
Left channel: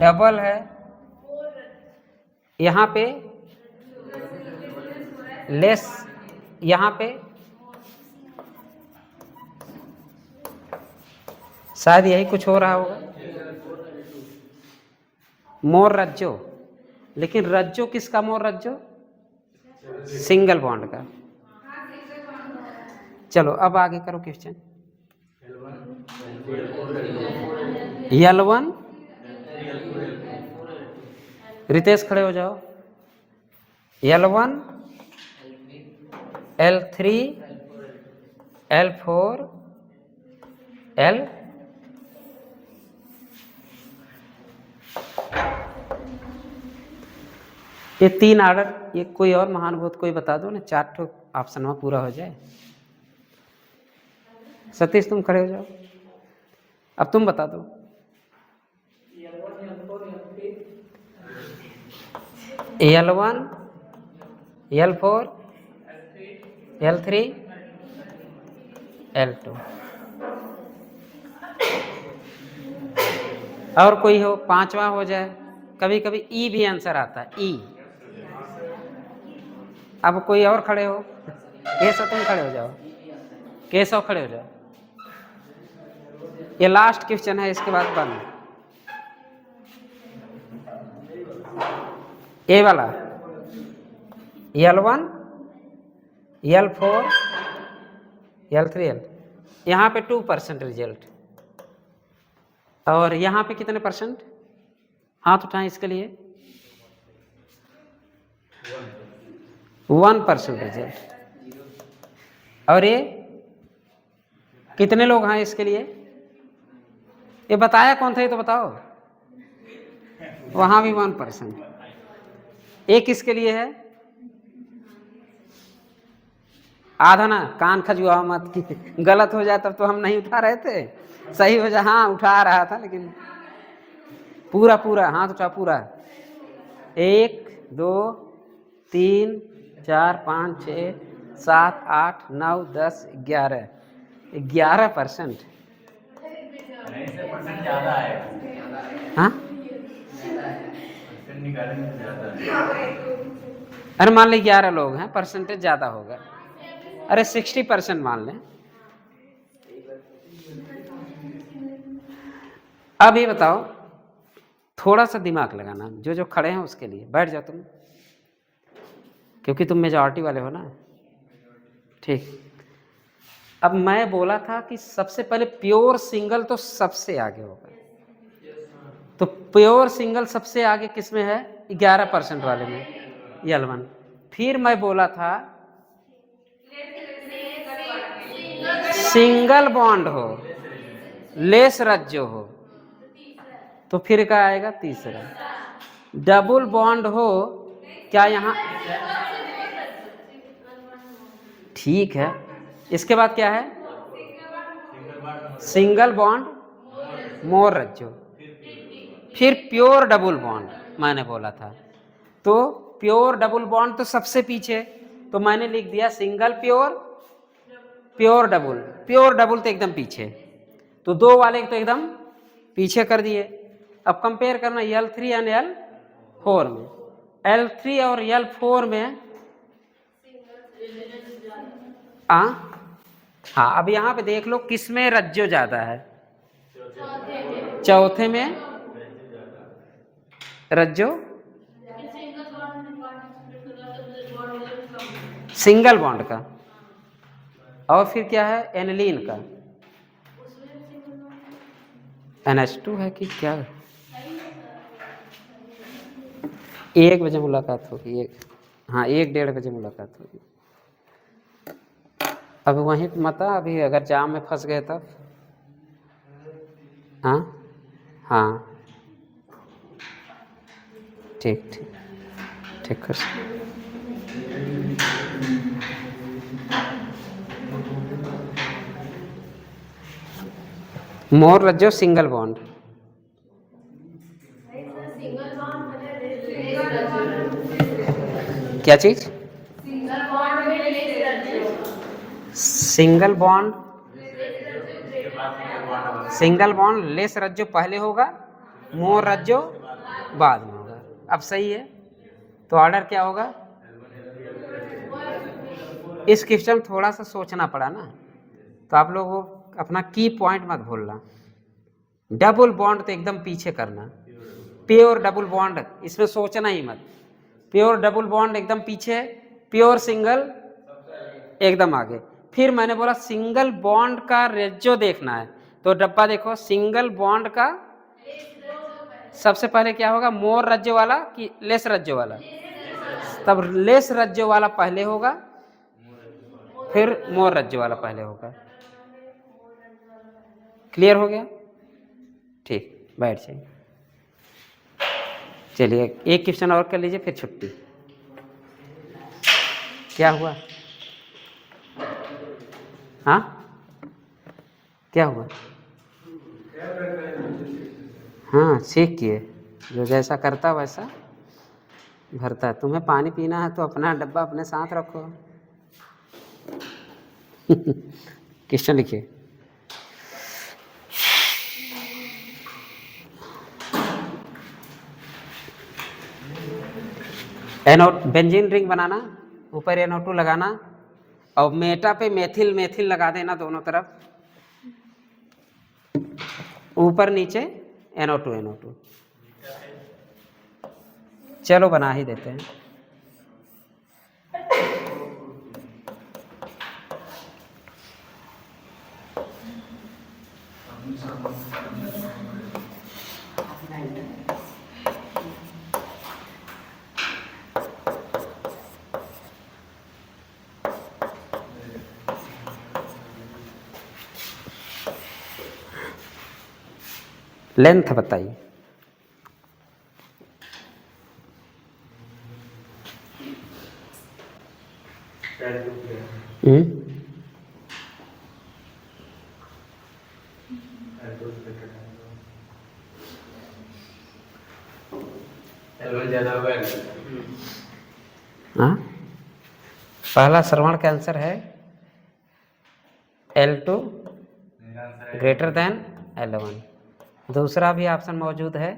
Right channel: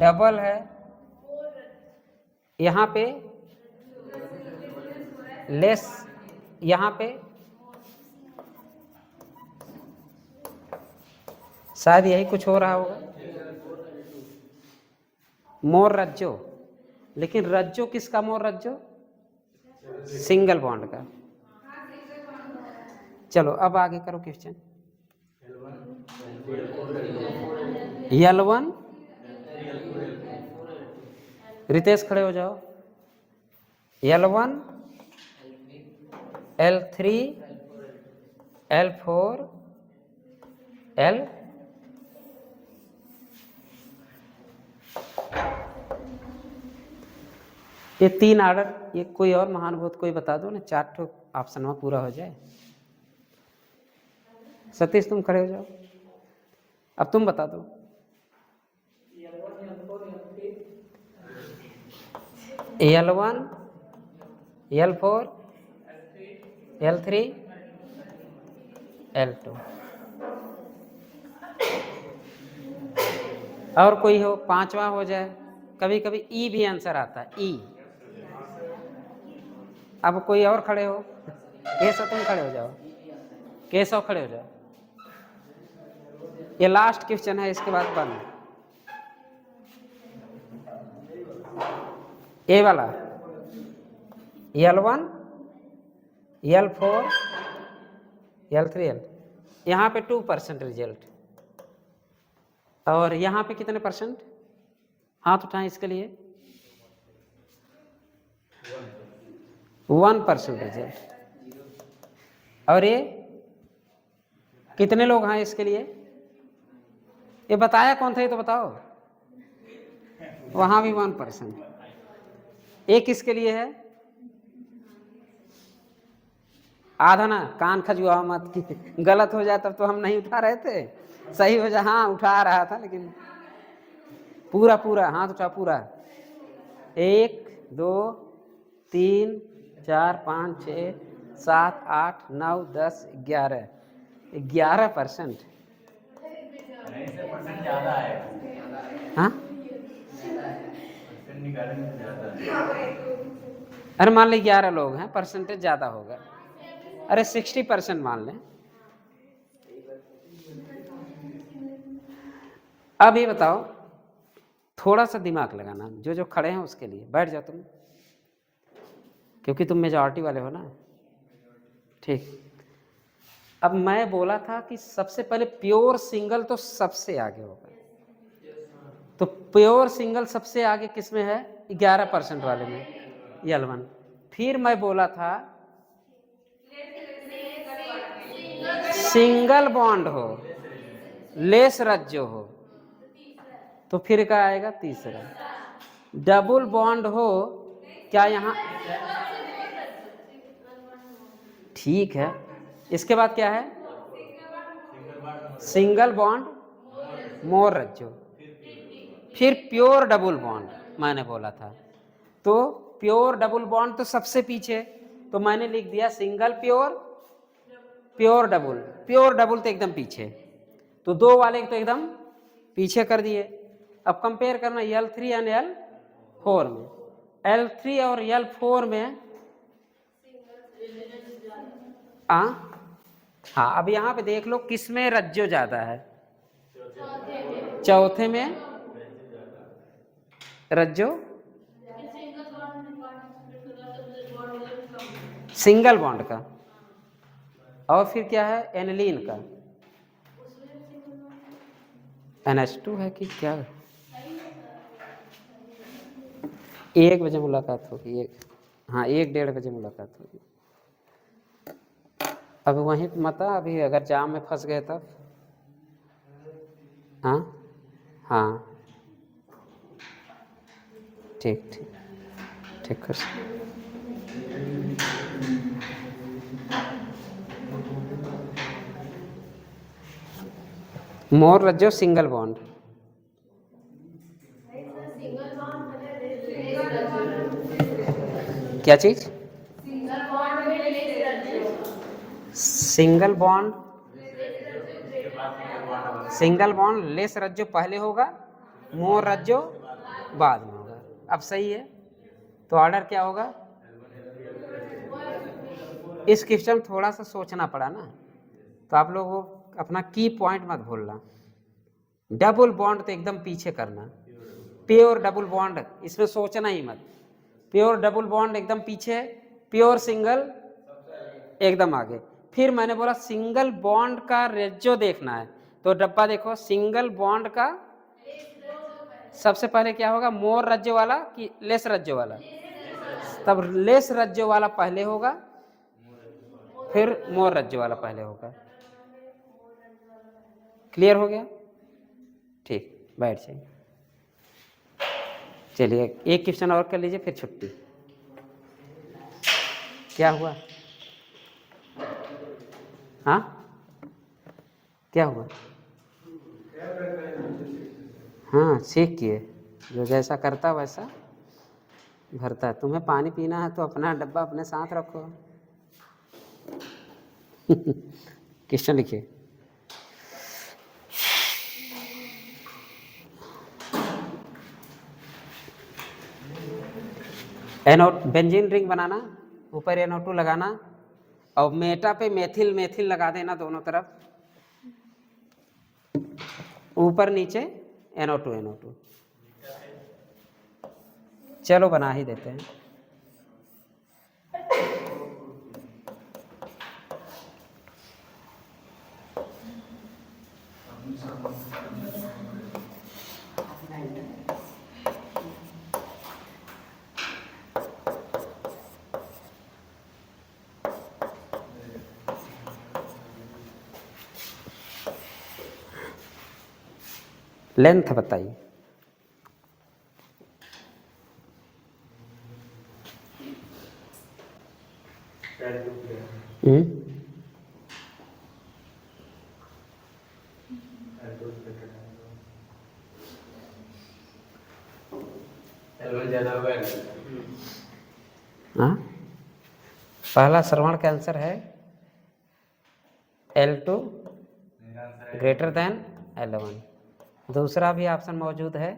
डबल है। यहाँ पे लेस, यहाँ पे शायद यही कुछ हो रहा होगा। मोर रज्जो, लेकिन रज्जो किसका? मोर रज्जो सिंगल बॉन्ड का। चलो अब आगे करो क्वेश्चन। L1, रितेश खड़े हो जाओ। L1, L3, L4, L, ये तीन ऑर्डर। ये कोई और महानुभूत कोई बता दो ना, 4 ठो ऑप्शन में पूरा हो जाए। सतीश तुम खड़े हो जाओ, अब तुम बता दो। L1, L4, L3, L2। और कोई हो, 5वां हो जाए। कभी कभी ई भी आंसर आता है, ई। अब कोई और खड़े हो। केशव तुम खड़े हो जाओ, केशव खड़े हो जाओ। ये लास्ट क्वेश्चन है, इसके बाद बंद। ए वाला L1, L4, L3, L, यहाँ पे 2% रिजल्ट। और यहाँ पे कितने परसेंट? हाथ उठाएं इसके लिए। 1% रिजल्ट। और ये कितने लोग हैं इसके लिए? ये बताया कौन था, ये तो बताओ। वहां भी 1%। ये किसके लिए है? आधा ना, कान खजुआ मत कि गलत हो जाए तब तो हम नहीं उठा रहे थे। सही हो जाए, हाँ उठा रहा था, लेकिन पूरा पूरा हाथ उठा पूरा। 1, 2, 3, 4, 5, 6, 7, 8, 9, 10, 11, 11%। हाँ, अरे मान ली 11 लोग हैं, परसेंटेज ज्यादा होगा। अरे 60% मान लें। अब ये बताओ, थोड़ा सा दिमाग लगाना, जो जो खड़े हैं उसके लिए। बैठ जाओ तुम, क्योंकि तुम मेजॉरिटी वाले हो ना। ठीक, अब मैं बोला था कि सबसे पहले प्योर सिंगल तो सबसे आगे होगा, तो प्योर सिंगल सबसे आगे किस में है? 11% वाले में, L1। फिर मैं बोला था सिंगल बॉन्ड हो, लेस रज्जो हो, तो फिर क्या आएगा? तीसरा। डबल बॉन्ड हो, क्या यहाँ? ठीक है, इसके बाद क्या है? सिंगल बॉन्ड मोर रज्जो, फिर प्योर डबल बॉन्ड मैंने बोला था। तो प्योर डबल बॉन्ड तो सबसे पीछे, तो मैंने लिख दिया single pure, pure double. Pure double तो एकदम पीछे, तो दो वाले तो एकदम पीछे कर दिए। अब कंपेयर करना L3 एंड L4 में। L3 और L4 में हाँ, अब यहाँ पे देख लो किस में रज्जो ज्यादा है? चौथे में रज्जो, सिंगल बॉन्ड का। और फिर क्या है? एनिलीन का, NH2 है कि क्या? 1 बजे मुलाकात होगी, हाँ 1-1:30 बजे मुलाकात होगी। अब वहीं मत आ, अभी अगर जाम में फंस गए तब। हाँ हाँ, ठीक ठीक ठीक कर। मोर रज्जो सिंगल बॉन्ड, क्या चीज? Single bond, single bond less रज्जो पहले होगा, मोर रज्जो बाद में होगा। अब सही है, तो ऑर्डर क्या होगा? इस क्वेश्चन में थोड़ा सा सोचना पड़ा ना, तो आप लोग वो अपना की पॉइंट मत भूलना। डबल बॉन्ड तो एकदम पीछे करना, प्योर डबल बॉन्ड इसमें सोचना ही मत। प्योर डबल बॉन्ड एकदम पीछे, प्योर सिंगल एकदम आगे। फिर मैंने बोला सिंगल बॉन्ड का रेज्यो देखना है, तो डब्बा देखो, सिंगल बॉन्ड का सबसे पहले क्या होगा? मोर रज्जो वाला कि लेस रज्जो वाला? तब लेस रज्जो वाला पहले होगा, फिर मोर रज्जो वाला पहले होगा। क्लियर हो गया? ठीक, बैठ जाइए। चलिए एक क्वेश्चन और कर लीजिए, फिर छुट्टी। क्या हुआ? हाँ, क्या हुआ? हाँ, चेक किए, जो जैसा करता वैसा भरता। तुम्हें पानी पीना है तो अपना डब्बा अपने साथ रखो। क्वेश्चन लिखिए। बेंजीन रिंग बनाना, ऊपर NO2 लगाना, और मेटा पे मेथिल मेथिल लगा देना दोनों तरफ, ऊपर नीचे NO2। चलो बना ही देते हैं। लेंथ बताइए। हाँ, पहला श्रवण का आंसर है L2 ग्रेटर देन L1। दूसरा भी ऑप्शन मौजूद है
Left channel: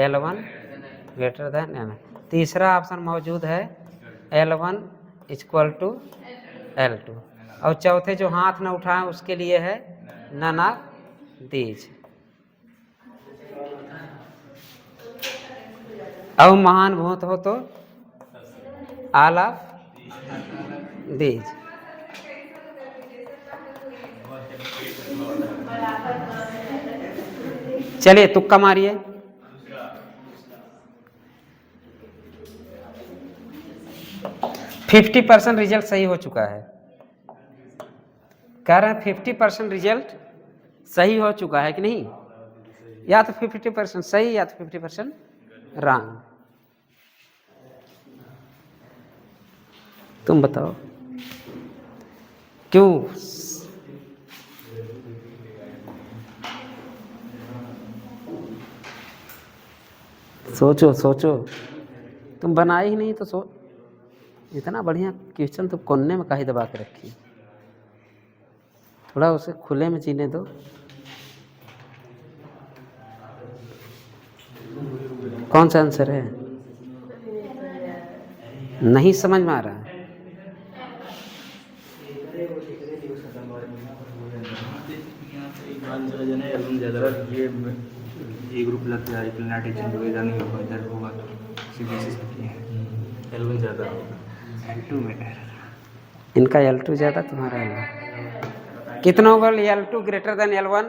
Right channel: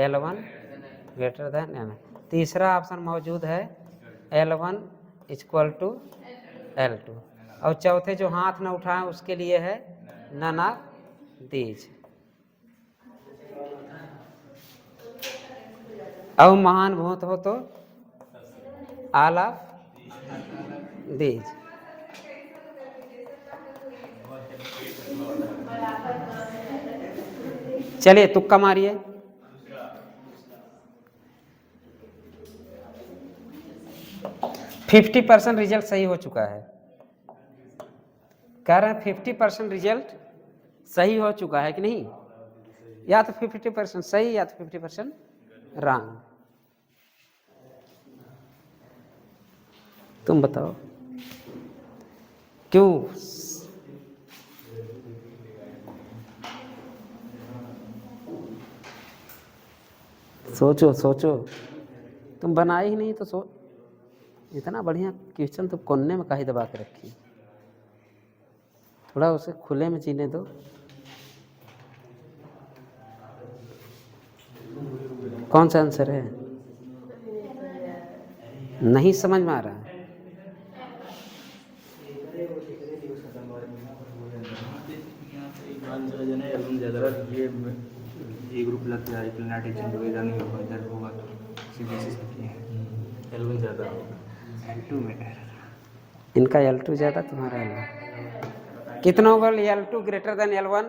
L1 ग्रेटर देन L1। तीसरा ऑप्शन मौजूद है L1 इक्वल टू L2। और चौथे जो हाथ न उठाएं उसके लिए है नन ऑफ दीज। अब महान भूत हो तो ऑल ऑफ दीज। चलिए तुक्का मारिए। फिफ्टी % रिजल्ट सही हो चुका है। कह रहे हैं 50% रिजल्ट सही हो चुका है कि नहीं? या तो 50% सही या तो 50% रॉन्ग। तुम बताओ क्यों? सोचो सोचो, तुम बनाए ही नहीं तो इतना बढ़िया क्वेश्चन तो कोने में काहे दबा के रखी? थोड़ा उसे खुले में जीने दो। कौन सा आंसर है? नहीं समझ में आ रहा है। ये ग्रुप लगता है नहीं होगा, इधर होगा तो L1 ज़्यादा होगा, L2 में इनका L2 ज़्यादा, तुम्हारा L1 कितना होगा? L2 greater than L1।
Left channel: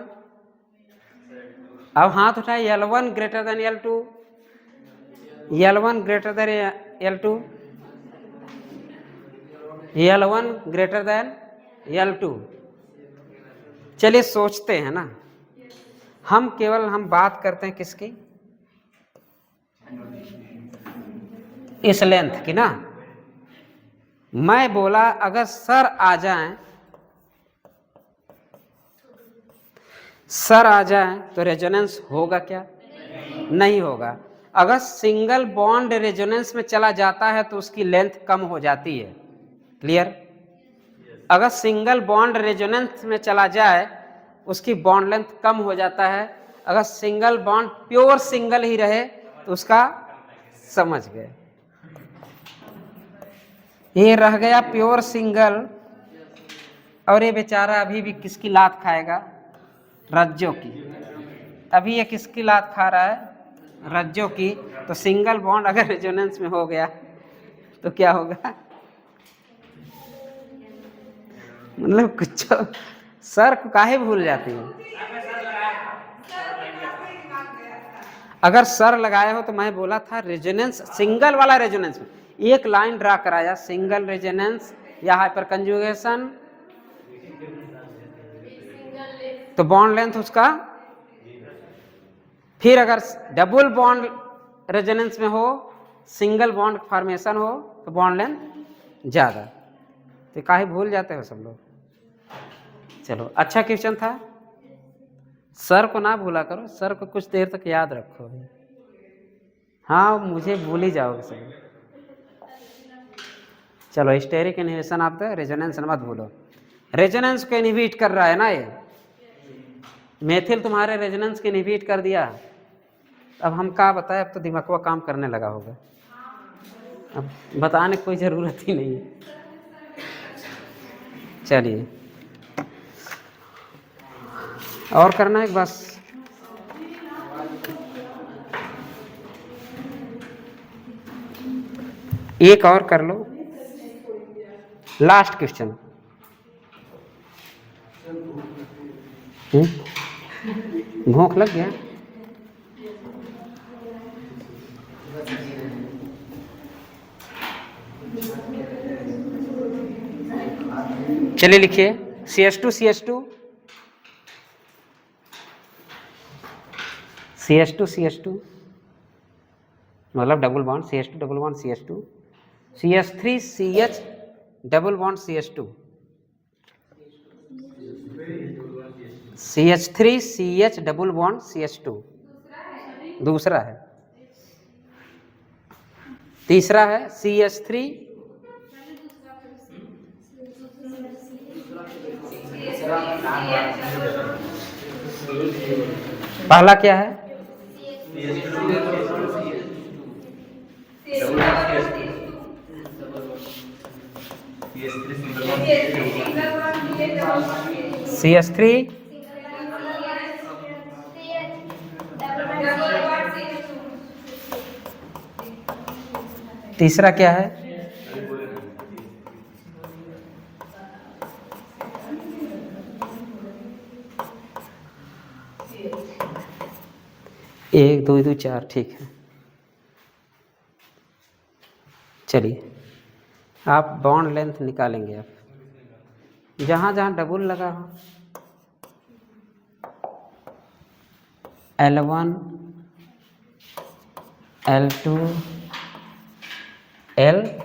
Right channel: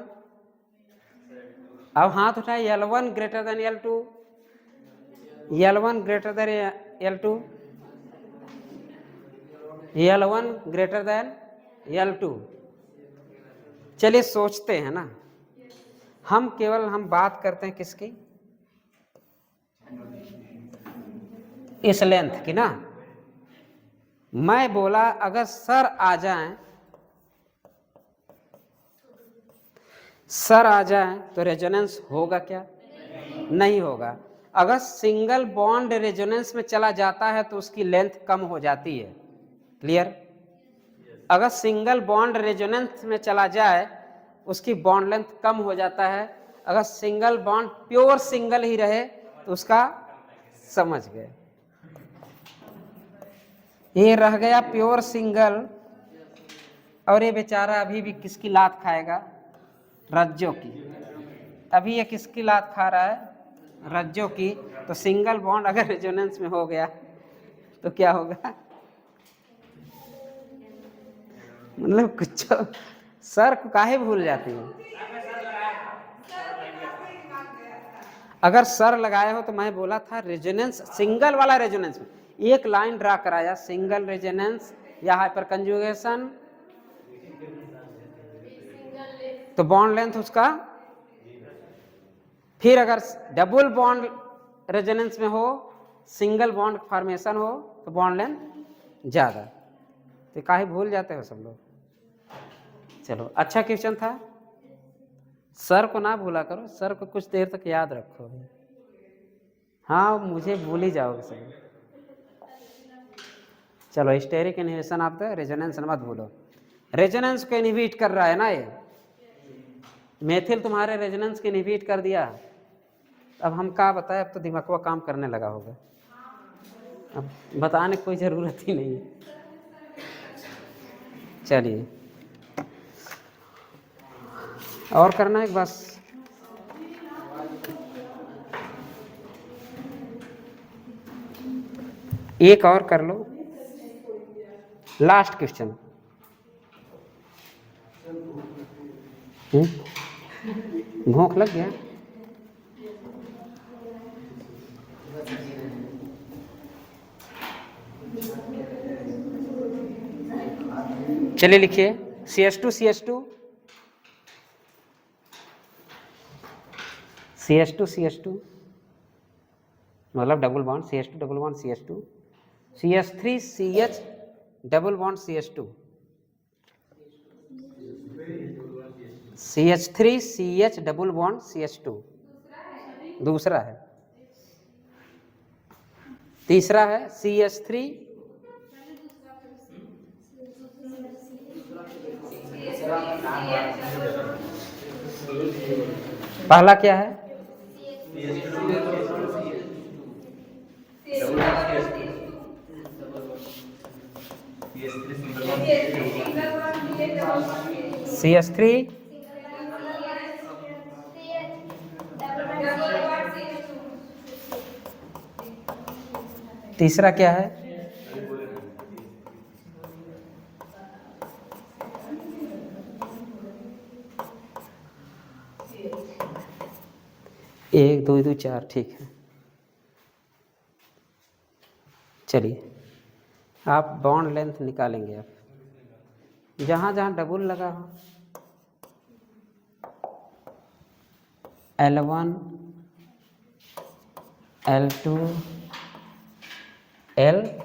अब हाथ उठाए, L1 greater than L2, L1 greater than L2, L1 greater than L2। चलिए सोचते हैं ना, हम बात करते हैं किसकी? इस लेंथ की ना। मैं बोला अगर सर आ जाएं तो रेजोनेंस होगा क्या? नहीं होगा। अगर सिंगल बॉन्ड रेजोनेंस में चला जाता है तो उसकी लेंथ कम हो जाती है। क्लियर? अगर सिंगल बॉन्ड रेजोनेंस में चला जाए उसकी बॉन्ड लेंथ कम हो जाता है। अगर सिंगल बॉन्ड प्योर सिंगल ही रहे तो उसका, समझ गए, ये रह गया प्योर सिंगल, और ये बेचारा अभी भी किसकी लात खाएगा? रज्जों की। अभी ये किसकी लात खा रहा है? रज्जों की। तो सिंगल बॉन्ड अगर रेजोनेंस में हो गया तो क्या होगा? मतलब कुछ सर को काहे भूल जाती है? अगर सर लगाए हो तो मैं बोला था रेजोनेंस, सिंगल वाला रेजोनेंस में एक लाइन ड्रा कराया, सिंगल रेजोनेंस या हाइपर कंजुगेशन, तो बॉन्ड लेंथ उसका। फिर अगर डबल बॉन्ड रेजोनेंस में हो, सिंगल बॉन्ड फॉर्मेशन हो, तो बॉन्ड लेंथ ज्यादा। तो काहे भूल जाते हो सब लोग? चलो अच्छा क्वेश्चन था। सर को ना भूला करो, सर को कुछ देर तक याद रखो। हाँ, मुझे भूल ही जाओगे सब। चलो, steric inhibition of the resonance मत भूलो। रेजोनेंस को इनहिबिट कर रहा है ना ये मेथिल, तुम्हारे रेजोनेंस को इनहिबिट कर दिया। अब हम क्या बताएं, अब तो दिमागवा काम करने लगा होगा, अब बताने की कोई जरूरत ही नहीं है। चलिए और करना है बस। एक और कर लो, लास्ट क्वेश्चन। भूख लग गया? चलिए लिखिए CH2 CH2 CH2 CH2 मतलब double bond CH2 double bond CH2, CH3 CH double bond CH2, CH3 CH double bond CH2 दूसरा है। तीसरा है CH3 पहला क्या है? CH3 डबल बॉन्ड तीसरा क्या है? एक दो दो चार, ठीक है। चलिए आप बॉन्ड लेंथ निकालेंगे। आप जहाँ जहाँ डबल लगा हो, L1 L2 L3,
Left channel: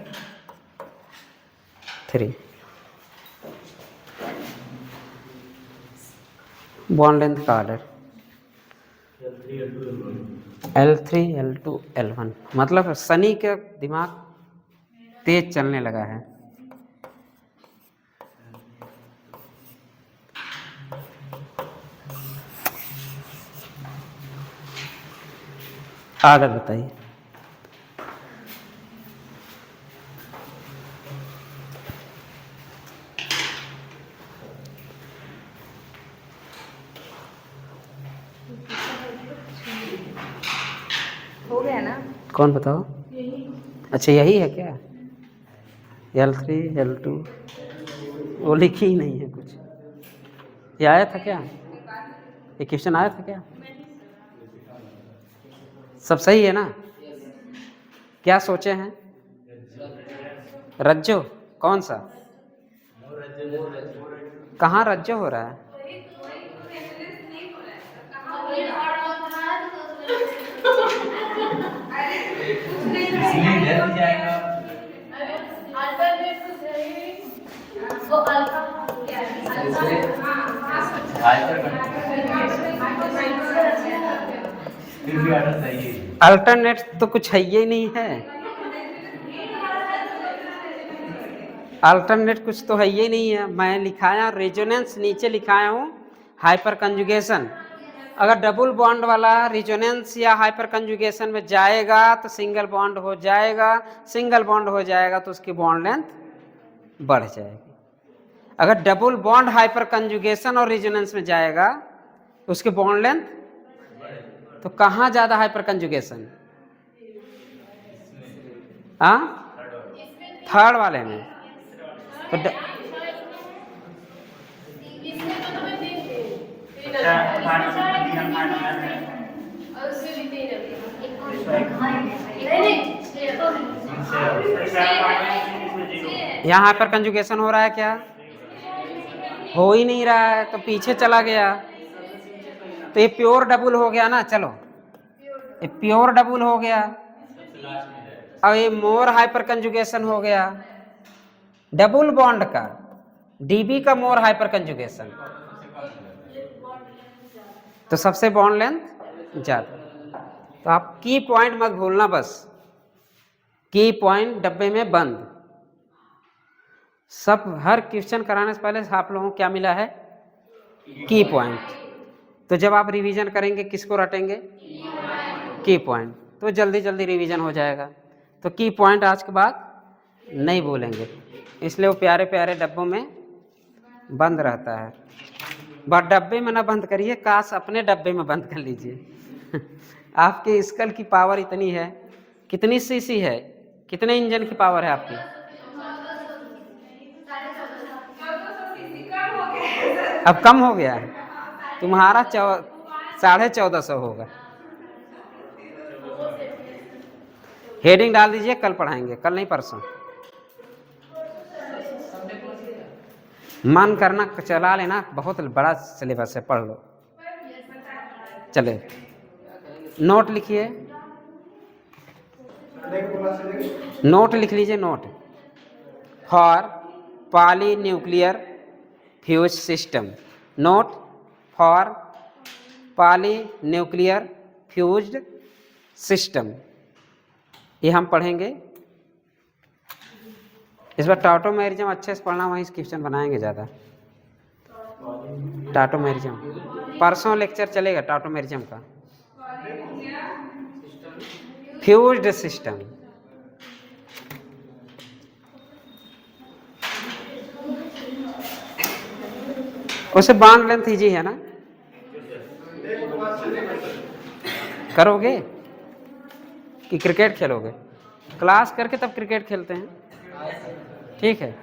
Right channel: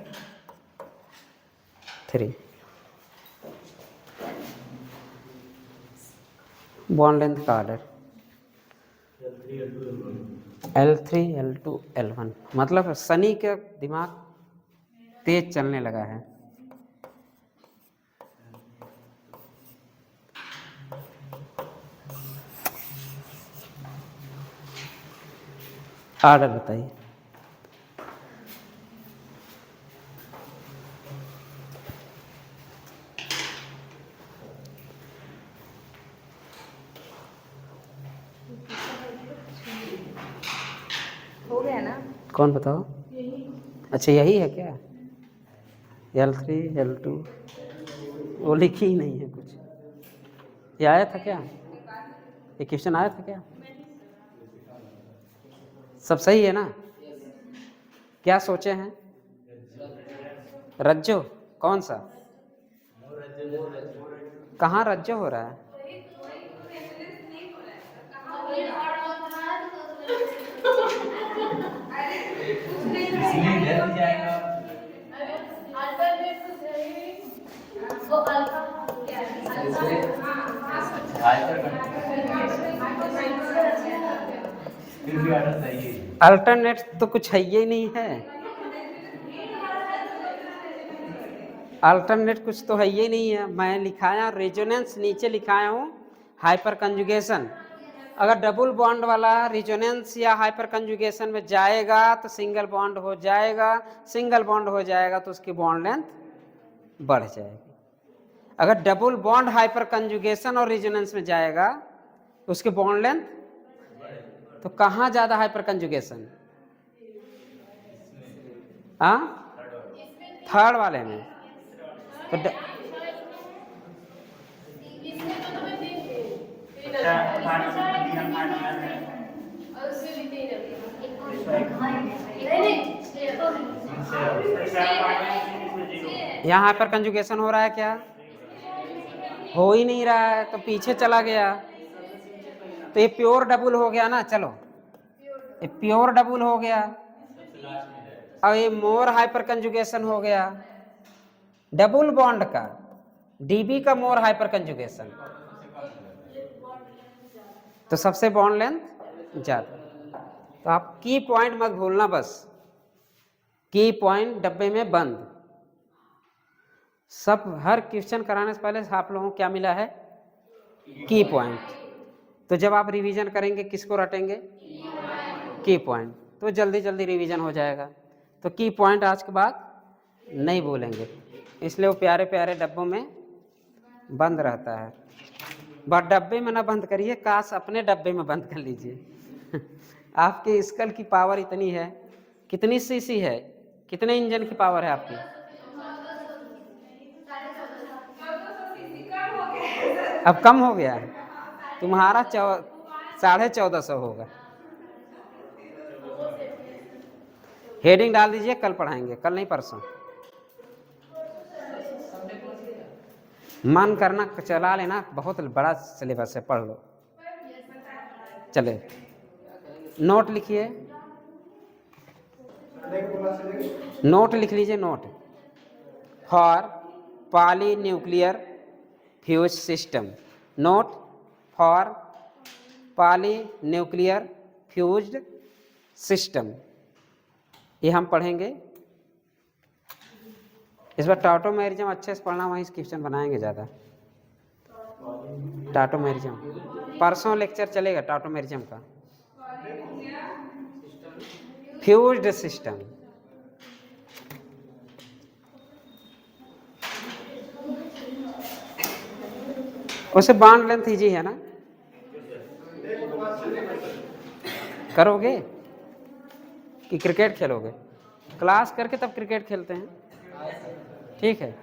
bond length का ऑर्डर L3 L2 L1, मतलब सनी का दिमाग तेज चलने लगा है। आगे बताइए। हो गया ना? कौन बताओ? अच्छा यही है क्या? L3 L2 वो लिखी ही नहीं है कुछ। ये आया था क्या? ये क्वेश्चन आया था क्या? सब सही है ना? क्या सोचे हैं? रज्जो कौन सा? कहाँ रज्जो हो रहा है? अल्टरनेट तो कुछ है ही नहीं है। अल्टरनेट कुछ तो है ही नहीं है। मैं लिखाया रेजोनेंस, नीचे लिखाया हूँ हाइपर कंजुगेशन। अगर डबल बॉन्ड वाला रेजोनेंस या हाइपर कंजुगेशन में जाएगा तो सिंगल बॉन्ड हो जाएगा, सिंगल बॉन्ड हो जाएगा तो उसकी बॉन्ड लेंथ बढ़ जाएगी। अगर डबल बॉन्ड हाइपर कंजुगेशन और रेजोनेंस में जाएगा उसकी बॉन्ड लेंथ, तो कहाँ ज्यादा हाइपर कंजुगेशन? हाँ, थर्ड वाले में। तो यहाँ हाइपर कंजुगेशन हो रहा है क्या? हो ही नहीं रहा है, तो पीछे चला गया। तो ये प्योर डबल हो गया ना। चलो ये प्योर डबल हो गया। अब ये मोर हाइपर कंजुगेशन हो गया। डबल बॉन्ड का डीबी का मोर हाइपर कंजुगेशन, तो सबसे बॉन्ड लेंथ ज्यादा। तो आप की पॉइंट मत भूलना, बस की पॉइंट डब्बे में बंद। सब हर क्वेश्चन कराने से पहले आप लोगों को क्या मिला है? की पॉइंट। तो जब आप रिवीजन करेंगे किसको रटेंगे? की पॉइंट। तो जल्दी जल्दी रिवीजन हो जाएगा। तो की पॉइंट आज के बाद नहीं भूलेंगे, इसलिए वो प्यारे प्यारे डब्बों में बंद रहता है। बट डब्बे में ना बंद करिए, काश अपने डब्बे में बंद कर लीजिए। आपके स्कल की पावर इतनी है। कितनी सीसी है? कितने इंजन की पावर है आपकी? अब कम हो गया है। तुम्हारा 1450 होगा। हेडिंग डाल दीजिए, कल पढ़ाएंगे, कल नहीं परसों। मन करना चला लेना, बहुत बड़ा सिलेबस है, पढ़ लो। चले नोट लिखिए, नोट लिख लीजिए। Note for polynuclear fuse system. Note for polynuclear fused system, ये हम पढ़ेंगे। इस बार टाटोमेरिज्म अच्छे से पढ़ना, वहीं क्वेश्चन बनाएंगे ज़्यादा। टाटोमेरिज्म परसों लेक्चर चलेगा टाटोमेरिज्म का। फ्यूज्ड सिस्टम, उसे बॉन्ड लेंथ इजी है ना? करोगे कि क्रिकेट खेलोगे? क्लास करके तब क्रिकेट खेलते हैं, ठीक है।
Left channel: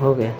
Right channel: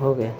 हो गया।